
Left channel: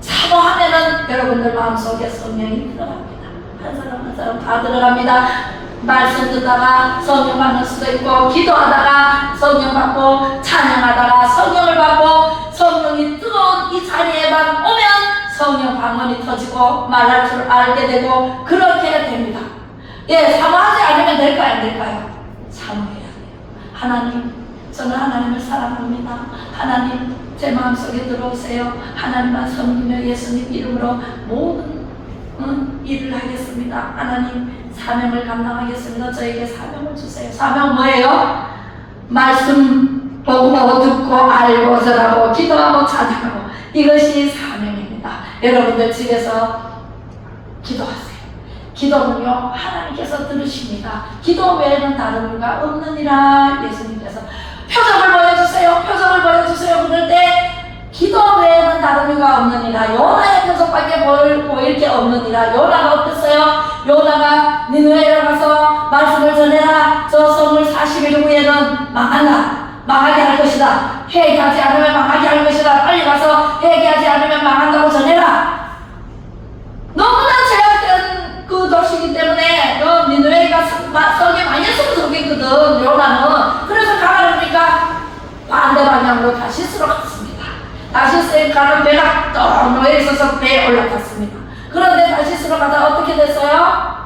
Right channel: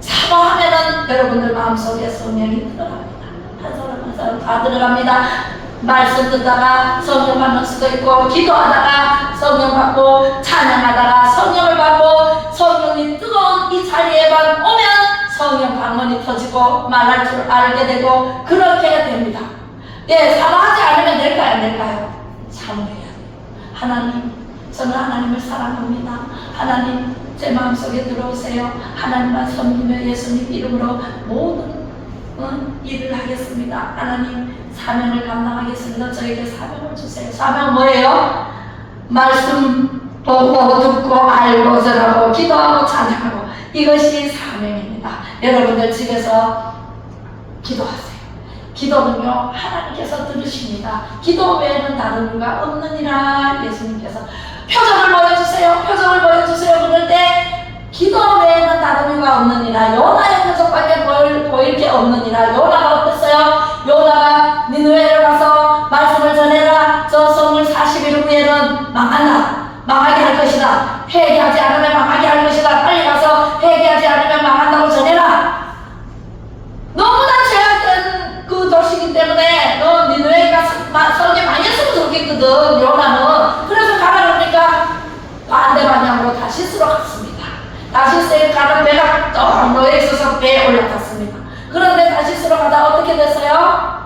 사모하면은 여러분들 마음속에 성령이 들어갑니다. 한 사람 한 사람 다 들어갑니다. 말씀 듣다가 성령 받는 수도 있고, 기도하다가 성령 받고, 찬양하다가 성령을 받고, 성령이 뜨거운 이 자리에만 오면 성령 방언이 터지고 말할 줄 알게 되고 그렇게 됩니다. 예, 사모하지 않으면 될까요, 안 될까요? 사모해야 돼요. 하나님, 저는 하나님을 사랑합니다. 하나님, 제 마음속에 들어오세요. 하나님만 섬기며 예수님 이름으로 모든 일을 하겠습니다. 하나님, 사명을 감당하겠습니다. 저에게 사명을 주세요. 사명은 뭐예요? 말씀 보고 듣고 알고 전하고 기도하고 찬양하고, 이것이 사명입니다. 여러분들 집에서 기도하세요. 기도는요, 하나님께서 들으십니다. 기도 외에는 다른 이유가 없느니라. 예수님께서 표정을 보여주세요. 표정을 보여주세요. 그럴 때 기도 외에는 다른 이유가 없느니라. 요나의 표정밖에 보일 게 없느니라. 요나가 어땠어요? 요나가 니느웨로 가서 말씀을 전해라. 저 성을 40일 후에는 망한다. 망하게 할 것이다. 회개하지 않으면 망하게 할 것이다. 빨리 가서 회개하지 않으면 망한다고 전해라. 너무나 죄악된 그 도시이기 때문에 너 니느웨가 성에 많이 했으면 좋겠거든. 요나는. 그래서 가라 그러니까 반대 방향으로 다시스로 갔습니다. 다시스에 가는 배가 또 놓여 있어서 배에 올라탔습니다. 그런데 다시스로 가다가 어떻게 됐어요?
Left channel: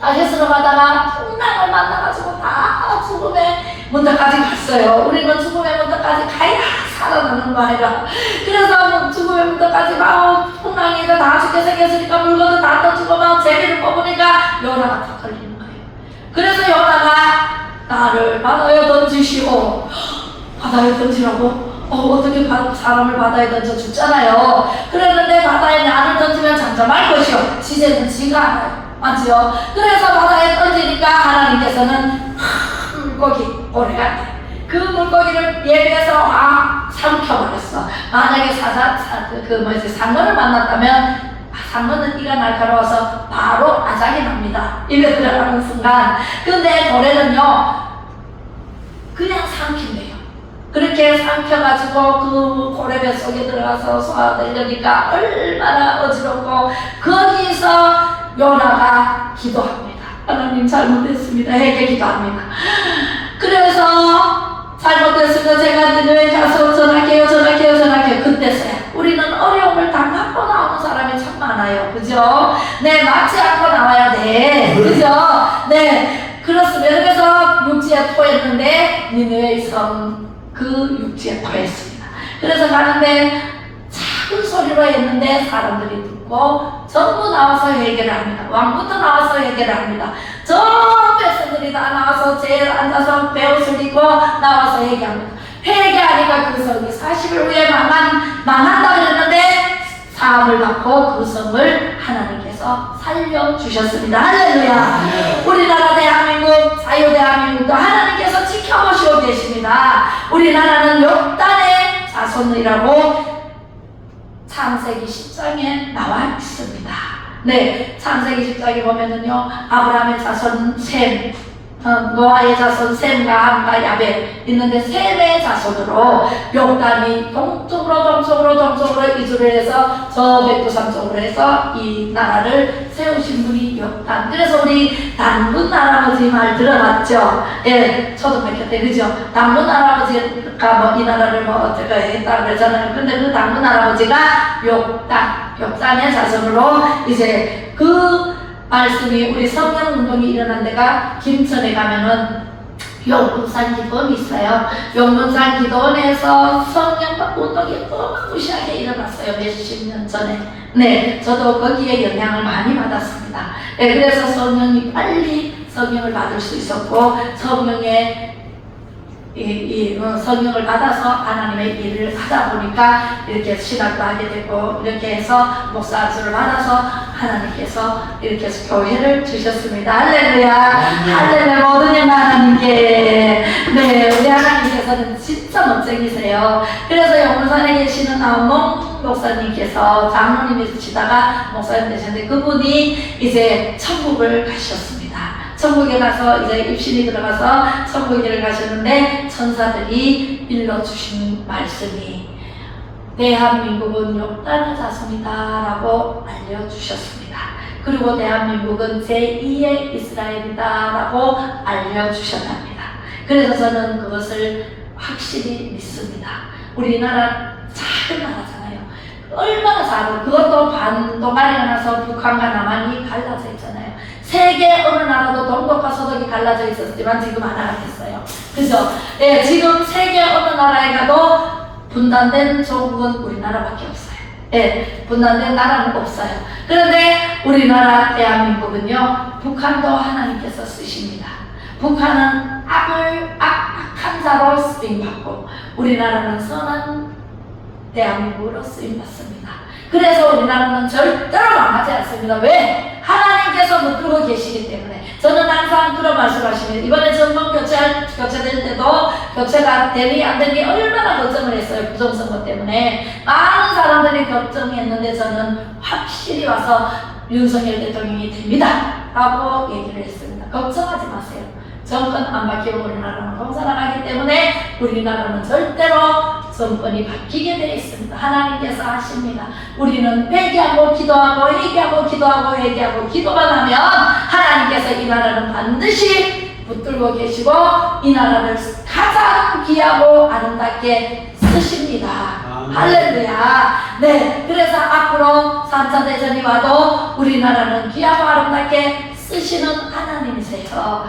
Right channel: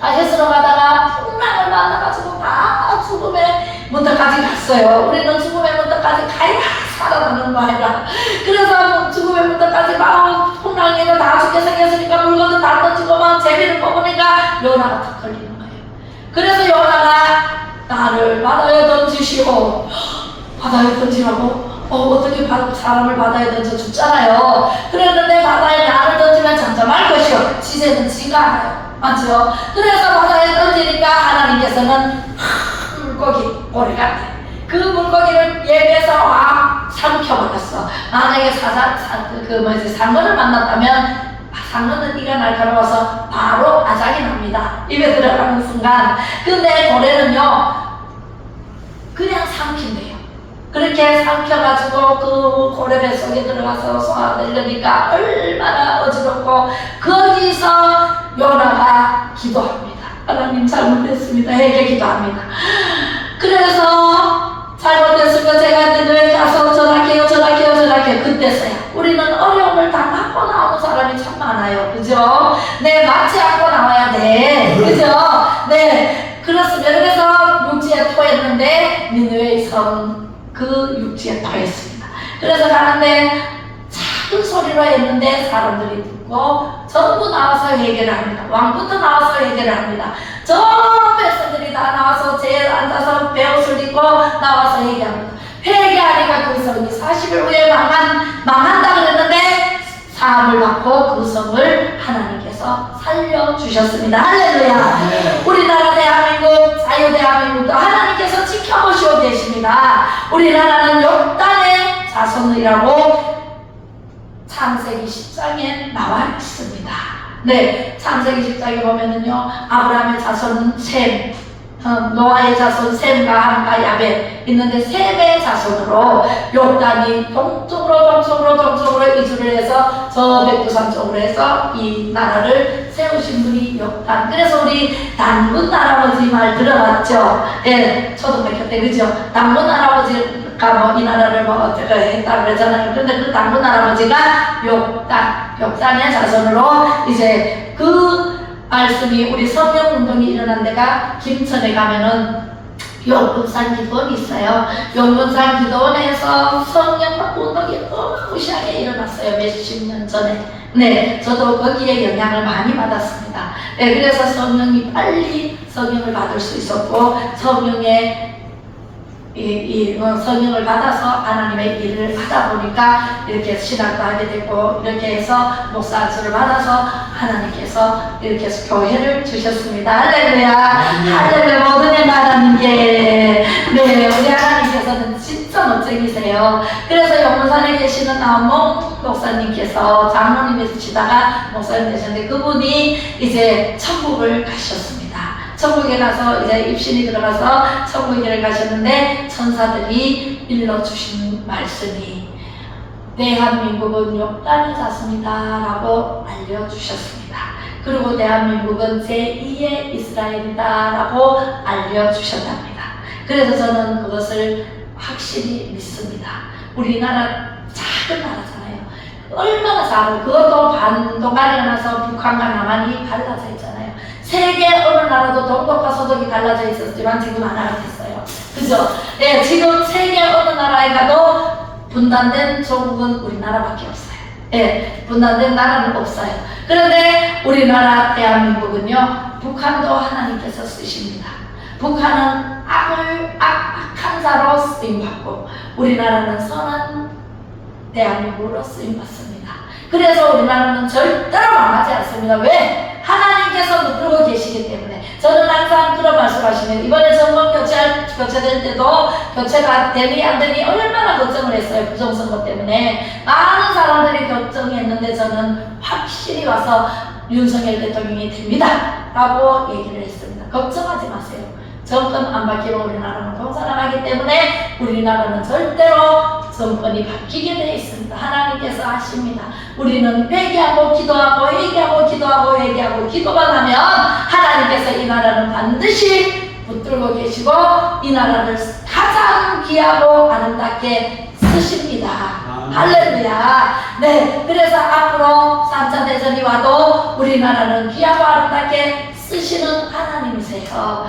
다시스로 가다가 풍랑을 만나가지고 다 죽음의 문턱까지 갔어요. 우리는 죽음의 문턱까지 가야 살아나는 거 아니라. 그래서 죽음의 문턱까지 막 풍랑이 다 죽게 생겼으니까 물건도 다 던지고 막 제비를 뽑으니까 요나가 다 걸리는 거예요. 그래서 요나가 나를 바다에 던지시오. 바다에 던지라고? 어떻게 사람을 바다에 던져 죽잖아요. 그랬는데 바다에 나를 던지면 잠잠할 것이요. 지새는 지가 알아요. 맞죠? 그래서 바다에 던지니까 하나님께서는 물고기 오래가 그 물고기를 예배해서 삼켜버렸어. 만약에 상어를 만났다면 상어는 이가 날카로워서 바로 아작이 납니다. 입에 들어가는 순간. 근데 고래는요, 그냥 삼킨대요. 그렇게 삼켜가지고 그 고래 뱃속에 들어가서 소화되려니까 얼마나 어지럽고, 거기서 요나가 기도합니다. 하나님 잘못했습니다. 회개 기도합니다. 그래서 잘못했으면 제가 니느웨 가서 전할게요. 그때서야. 우리는 어려움을 다 받고 나오는 사람이 참 많아요. 그죠? 네, 맞지 않고 나와야 돼. 그죠? 네, 그렇습니다. 그래서 육지에 토했는데 니느웨의 성 그 육지에 토했습니다. 그래서 가는데 작은 소리로 했는데 사람들이 듣고 전부 나와서 회개를 합니다. 왕부터 나와서 회개를 합니다. 전 백성들이 다 나와서 제일 앉아서 베옷을 입고 나와서 회개합니다. 회개하니까 그 성이 40일 후에 망한다 그랬는데 사함을 받고 그 성을 하나님께서 살려주셨습니다. 할렐루야. 우리나라 대한민국, 자유 대한민국도 하나님께서 지켜보시고 계십니다. 우리나라는 욕단의 자손이라고 창세기 10장에 나와 있습니다. 네, 창세기 10장에 보면은요, 아브라함의 자손은 셈, 노아의 자손 셈과 함과 야벳 있는데 셈의 자손으로 요단이 동쪽으로 이주를 해서 저 백두산 쪽으로 해서 이 나라를 세우신 분이 요단. 그래서 우리 단군 할아버지 말 들어봤죠? 예, 초등학교 때 그죠? 단군 할아버지가 뭐 이 나라를 뭐 어떻게 했다 그러잖아요. 그런데 그 단군 할아버지가 욕단의 자손으로 이제 그 말씀이 우리 성령운동이 일어난 데가 김천에 가면은 용문산 기도원이 있어요. 용문산 기도원에서 성령운동이 어마무시하게 일어났어요. 몇십 년 전에. 네, 저도 거기에 영향을 많이 받았습니다. 네, 그래서 성령이 빨리 성령을 받을 수 있었고 성령의 성령을 받아서 하나님의 일을 하다 보니까 이렇게 신학도 하게 되고 이렇게 해서 목사직을 받아서 하나님께서 이렇게 해서 교회를 주셨습니다. 할렐루야. 할렐루야. 모든 영 하나님께. 네, 우리 하나님께서는 진짜 멋쟁이세요. 그래서 영문산에 계시는 나원몽 목사님께서 장로님이시다가 목사님 되셨는데 그분이 이제 천국을 가셨습니다. 천국에 가서 이제 입신이 들어가서 천국에 가셨는데 천사들이 일러주신 말씀이 대한민국은 욕단의 자손이다 라고 알려주셨습니다. 그리고 대한민국은 제2의 이스라엘이다 라고 알려주셨답니다. 그래서 저는 그것을 확실히 믿습니다. 우리나라 작은 나라잖아요. 얼마나 작은, 그것도 반도가 일어나서 북한과 남한이 갈라져 있잖아요. 세계 어느 나라도 동독과 서독이 갈라져 있었지만 지금 하나가 됐어요. 그죠? 네, 지금 세계 어느 나라에 가도 분단된 조국은 우리나라밖에 없어요. 네, 분단된 나라는 없어요. 그런데 우리나라 대한민국은요, 북한도 하나님께서 쓰십니다. 북한은 악한 자로 쓰임받고 우리나라는 선한 대한민국으로 쓰임받습니다. 그래서 우리나라는 절대로 망하지 않습니다. 왜? 하나님께서 붙들고 계시기 때문에. 저는 항상 그런 말씀하시면 이번에 정권 교체될 때도 교체가 되니 안 되니 얼마나 걱정을 했어요. 부정선거 때문에 많은 사람들이 걱정했는데 저는 확실히 와서 윤석열 대통령이 됩니다 라고 얘기를 했습니다. 걱정하지 마세요. 정권 안 바뀌고 우리나라는 공산화하기 때문에 우리나라는 절대로 정권이 바뀌게 되어 있습니다. 하나님께서 하십니다. 우리는 회개하고 기도하고 회개하고 기도하고 회개하고 기도만 하면 하나님께서 이 나라는 반드시 붙들고 계시고 이 나라를 가장 귀하고 아름답게 쓰십니다. 할렐루야. 네, 그래서 앞으로 3차 대전이 와도 우리나라는 귀하고 아름답게 쓰시는 하나님이세요.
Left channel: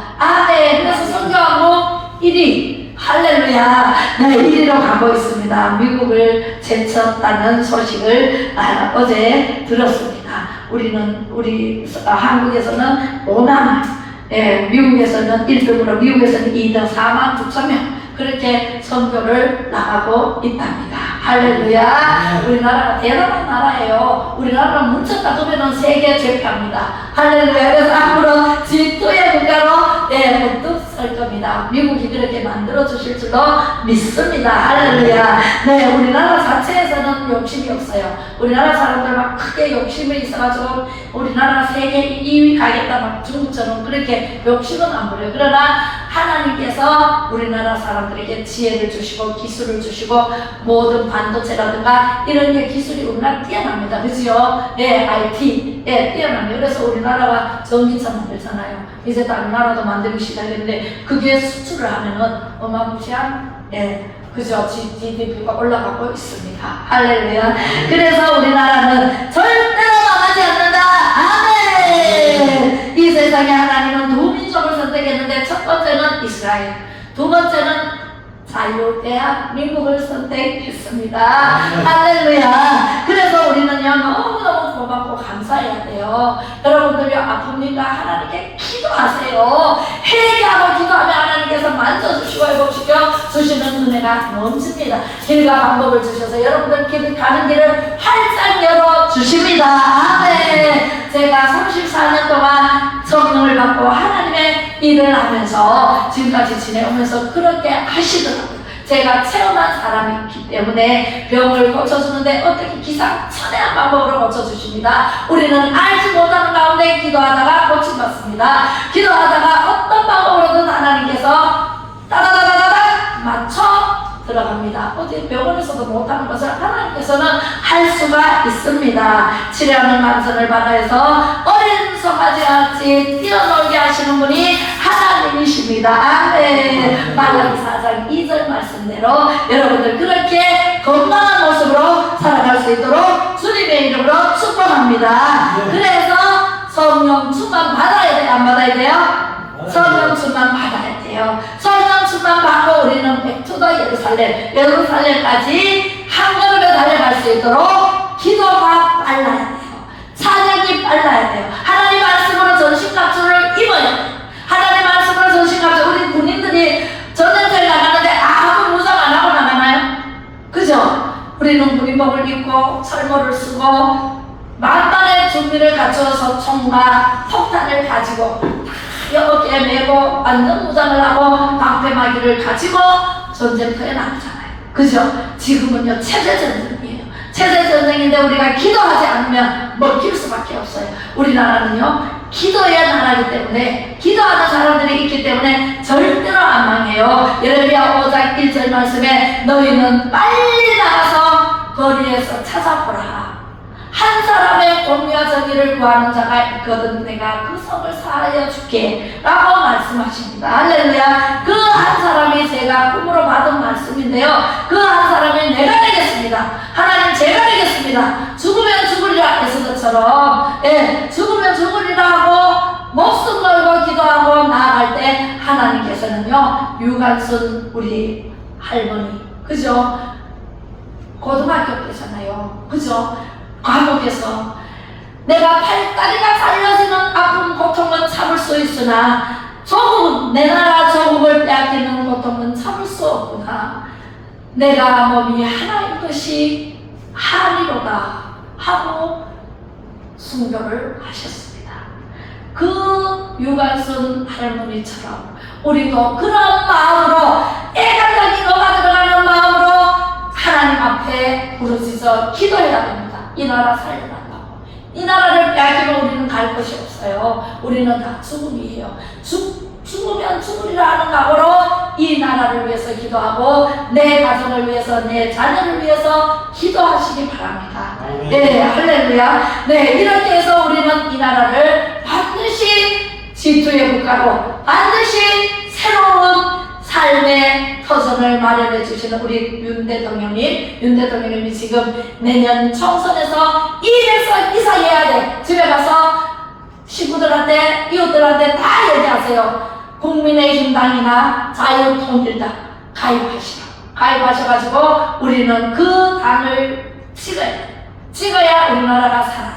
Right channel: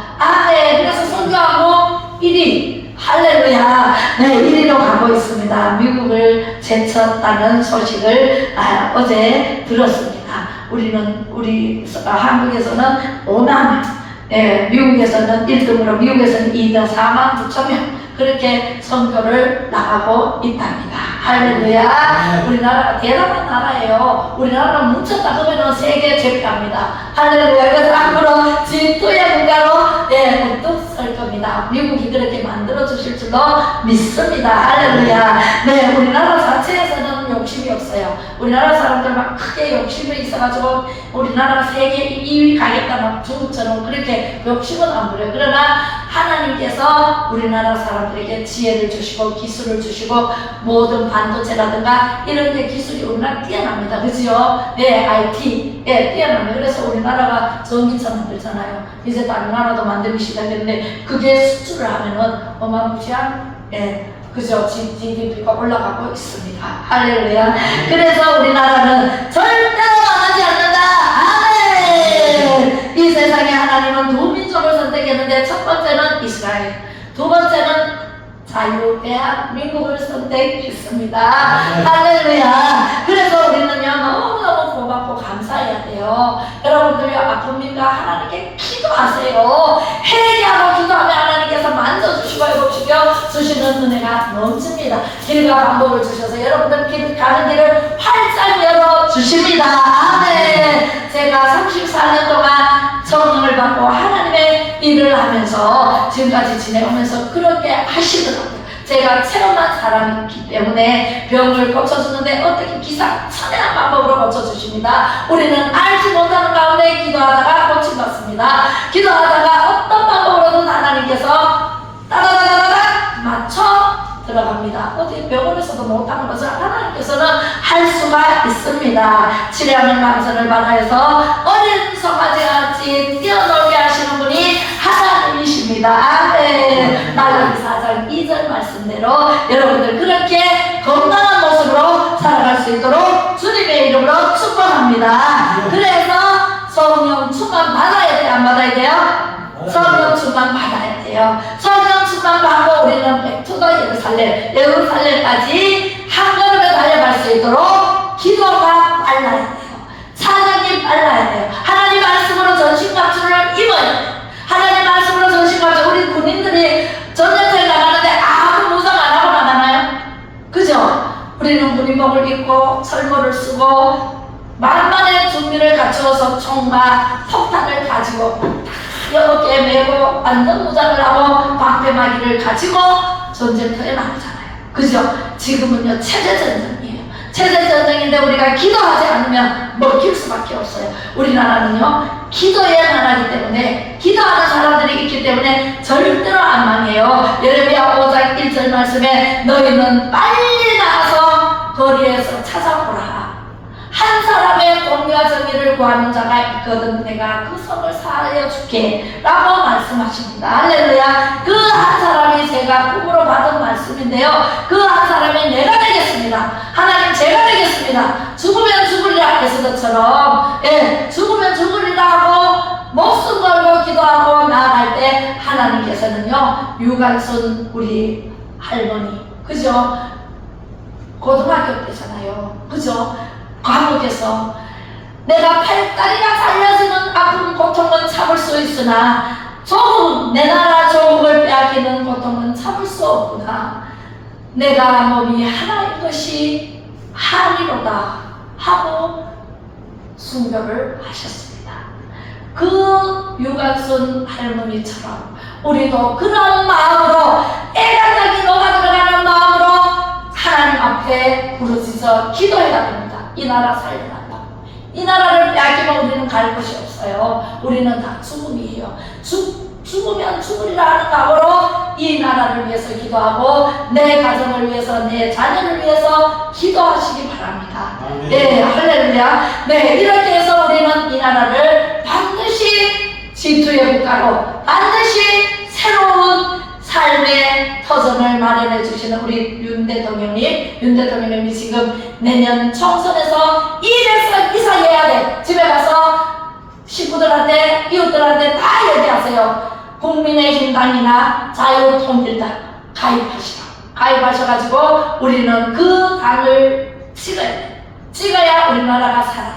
네, 그래서 선교하고 1위 할렐루야. 네, 1위로 가고 있습니다. 미국을 제쳤다는 소식을 어제 들었습니다. 우리 한국에서는 5만, 미국에서는 1등으로 미국에서는 2등 4만 9천 명 그렇게 선교를 나가고 있답니다. 할렐루야. 우리나라가 대단한 나라예요. 우리나라는 뭉쳤다 그러면 세계 제패합니다. 할렐루야. 그래서 앞으로 G2의 국가로 우뚝 설 겁니다. 미국이 그렇게 만들어 주실 줄도 믿습니다. 할렐루야. 네, 우리나라 자체에서는 욕심이 없어요. 우리나라 사람들 막 크게 욕심이 있어가지고 우리나라가 세계 2위 가겠다 막 중국처럼 그렇게 욕심은 안 부려요. 그러나 하나님께서 우리나라 사람들에게 지혜를 주시고 기술을 주시고 모든 반도체라든가 이런 게 기술이 우리나라 뛰어납니다. 그죠? 네, IT 뛰어납니다. 그래서 우리나라가 전기차 만들잖아요. 이제 다른 나라도 만들기 시작했는데 그게 수출을 하면은 어마무시한 그죠? GDP가 올라가고 있습니다. 할렐루야. 그래서 우리나라는 절대로 망하지 않는다. 아멘. 이 세상에 하나님은 두 민족을 선택했는데 첫 번째는 이스라엘, 두 번째는 자유대한민국을 선택했습니다. 할렐루야. 그래서 우리는요 너무너무 고맙고 감사해야 돼요. 여러분들요 아픕니까? 하나님께 기도하세요. 회개하고 기도하면 하나님께서 만져주시고 회복시켜 주시는 은혜가 넘칩니다. 길과 방법을 주셔서 여러분들 가는 길을 활짝 열어주십니다. 아멘. 제가 34년 동안 성령을 받고 하나님의 일을 하면서 지금까지 지내오면서 그렇게 하시더라고요. 제가 체험한 사람이기 때문에 병을 고쳐주는데 어떻게 기상천외한 방법으로 고쳐주십니다. 우리는 알지 못하는 가운데 기도하다가 고침받습니다. 기도하다가 어떤 방법으로든 하나님께서 따다다다다 맞춰 들어갑니다. 어디 병원에서도 못하는 것을 하나님께서는 할 수가 있습니다. 치료하는 만선을 받아서 어린 송아지같이 뛰어놀게 하시는 분이 하나님이십니다. 네. 말라기 4장 2절 말씀대로 여러분들 그렇게 건강한 모습으로 살아갈 수 있도록 주님의 이름으로 축복합니다. 그래서 성령 충만 받아야 돼요? 안 받아야 돼요? 성령 충만 받아야 돼요. 성령 충만 받고 우리는 백투더 예루살렘까지 한 걸음에 달려갈 수 있도록 기도가 빨라야 돼요. 찬양이 빨라야 돼요. 하나님 말씀으로 전신갑주를 입어야 돼요. 하나님 말씀으로 전신갑주, 우리 군인들이 전쟁터에 나가는데 아무 무장 안 하고 나가나요? 그죠? 우리는 군인복을 입고 철모를 쓰고 만만의 준비를 갖추어서 총과 폭탄을 가지고 어깨에 메고 안전무장을 하고 방패막이를 가지고 전쟁터에 나가잖아요. 그죠? 지금은요 체제전쟁이에요. 체제전쟁인데 우리가 기도하지 않으면 먹힐 수밖에 없어요. 우리나라는요 기도의 나라이기 때문에 기도하는 사람들이 있기 때문에 절대로 안 망해요. 예레미야 5장 1절 말씀에 너희는 빨리 나가서 거리에서 찾아보라. 한 사람의 공의와 정의를 구하는 자가 있거든 내가 그 성을 사하여 줄게 라고 말씀하십니다. 할렐루야. 그 한 사람이 제가 꿈으로 받은 말씀인데요, 그 한 사람이 내가 되겠습니다. 하나님 제가 되겠습니다. 죽으면 죽으리라 에스더처럼 죽으면 죽으리라 하고 목숨 걸고 기도하고 나아갈 때 하나님께서는요 유관순 우리 할머니 그죠? 고등학교 때잖아요. 그죠? 감옥에서 내가 팔다리가 잘려지는 아픈 고통은 참을 수 있으나 조국, 내 나라 조국을 빼앗기는 고통은 참을 수 없구나. 내가 몸이 하나인 것이 한이로다 하고 순교를 하셨습니다. 그 유관순 할머니처럼 우리도 그런 마음으로 애간장이 녹아 들어가는 마음으로 하나님 앞에 부르짖어 기도해야 됩니다. 이 나라 살려달라고. 이 나라를 빼앗기면 우리는 갈 곳이 없어요. 우리는 다 죽음이에요. 죽으면 죽으리라 하는 각오로 이 나라를 위해서 기도하고 내 가정을 위해서 내 자녀를 위해서 기도하시기 바랍니다. 네, 할렐루야. 네, 이렇게 해서 우리는 이 나라를 반드시 지투의 국가로 반드시 새로운 삶의 터전을 마련해 주시는 우리 윤 대통령님이 지금 내년 총선에서 이래서 이사해야 돼. 집에 가서 식구들한테 이웃들한테 다 얘기하세요. 국민의힘당이나 자유통일당 가입하셔가지고 우리는 그 당을 찍어야 돼. 찍어야 우리나라가 살아요.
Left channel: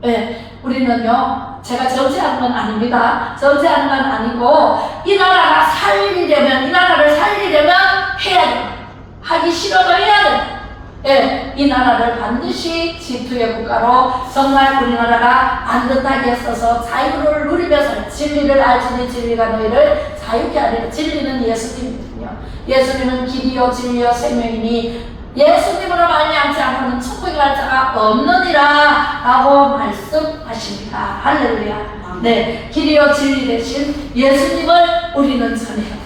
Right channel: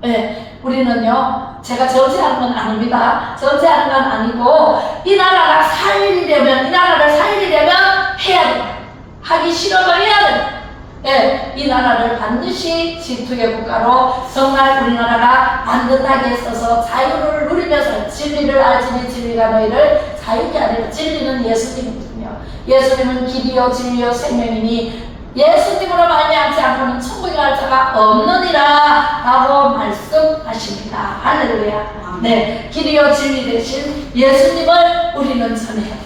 네, 우리는요 제가 정치하는 건 아닙니다. 정치하는 건 아니고 이 나라가 살리려면, 이 나라를 살리려면 해야 돼. 하기 싫어도 해야 돼. 예, 이 나라를 반드시 지투의 국가로 정말 우리나라가 안전하게 써서 자유를 누리면서 진리를 알지니 진리가 너희를 자유케 하리라. 진리는 예수님이거든요. 예수님은 길이요 진리요 생명이니 예수님으로 말미암지 않고는 천국에 갈 자가 없느니라 라고 말씀하십니다. 할렐루야. 네, 길이요 진리 대신 예수님을 우리는 전해야 돼요.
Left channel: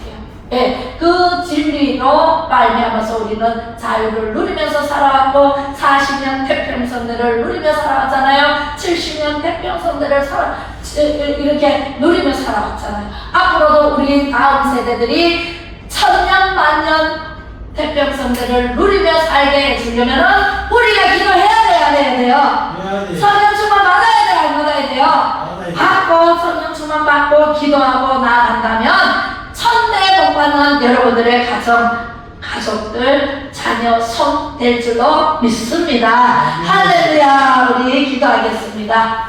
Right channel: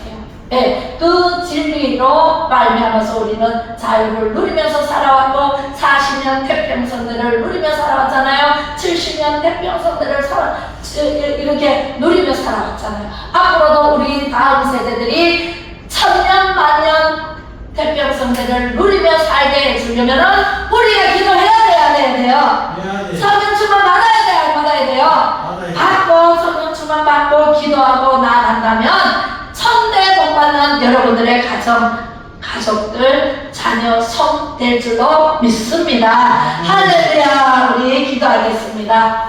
네, 그 진리로 말미암아서 우리는 자유를 누리면서 살아왔고 40년 태평성대를 누리며 살아왔잖아요. 70년 태평성대를 이렇게 누리며 살아왔잖아요. 앞으로도 우리 다음 세대들이 천년 만년 태평성대를 누리며 살게 해주려면은 우리가 기도해야 돼요, 안 해야 돼요? 성령 충만 받아야 돼요, 안 받아야 돼요? 받고 성령 충만 받고 기도하고 나아간다면 천대 복받는 여러분들의 가족들, 자녀, 성 될 줄로 믿습니다. 할렐루야. 우리 기도하겠습니다.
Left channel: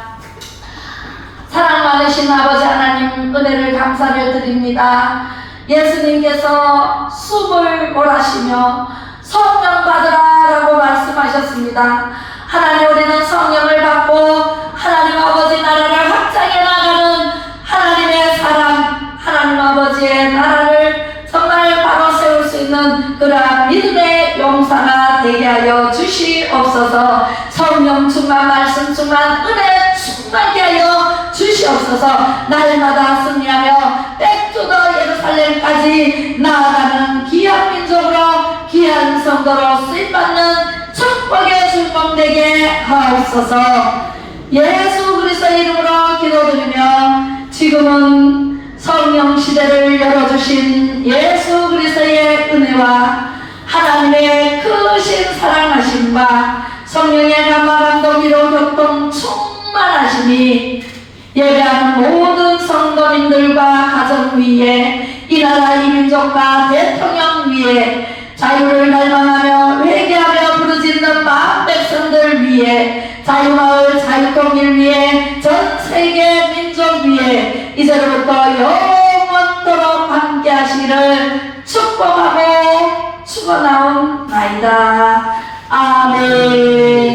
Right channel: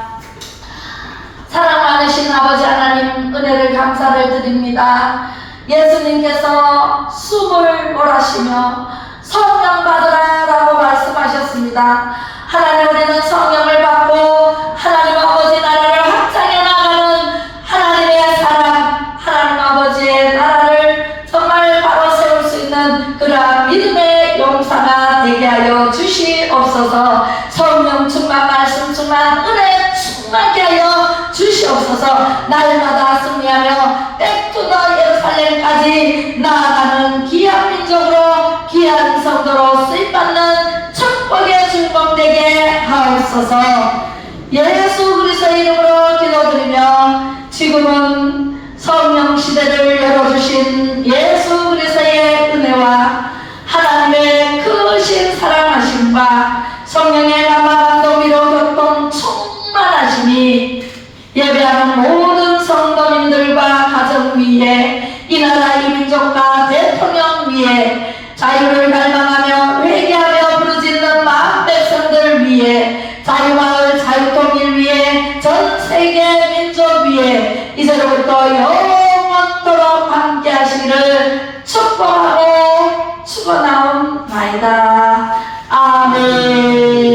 사랑 많으신 아버지 하나님 은혜를 감사를 드립니다. 예수님께서 숨을 몰아쉬며 성령 받으라 라고 말씀하셨습니다. 하나님 우리는 성령을 받고 하나님 아버지 나라를 확장해 나가는 하나님의 사람, 하나님 아버지의 나라를 정말 바로 세울 수 있는 그 그러한 믿음의 용사가 되게 하여 주시옵소서. 성령 충만, 말씀 충만, 은혜 충만케 하여 주시옵소서. 날마다 승리하며 백투더 예루살렘까지 나아가는 귀한 민족으로, 귀한 성도로 쓰임받는 축복의 주공되게 하옵소서. 예수 그리스도의 이름으로 기도드리며, 지금은 성령 시대를 열어주신 예수 그리스도의 은혜와 하나님의 크신 사랑하심과 성령의 감화 감동 위로 교통 충만하시니 예배하는 모든 성도님들과 가정 위에, 이 나라 이 민족과 대통령 위에, 자유를 갈망하며 회개하며 부르짖는 마음 백성들 위에, 자유마을 자유통일 위에, 전세계 민족 위에 이제로부터 영원토록 함께 하시기를 축복하고 축원하옵나이다. 아멘.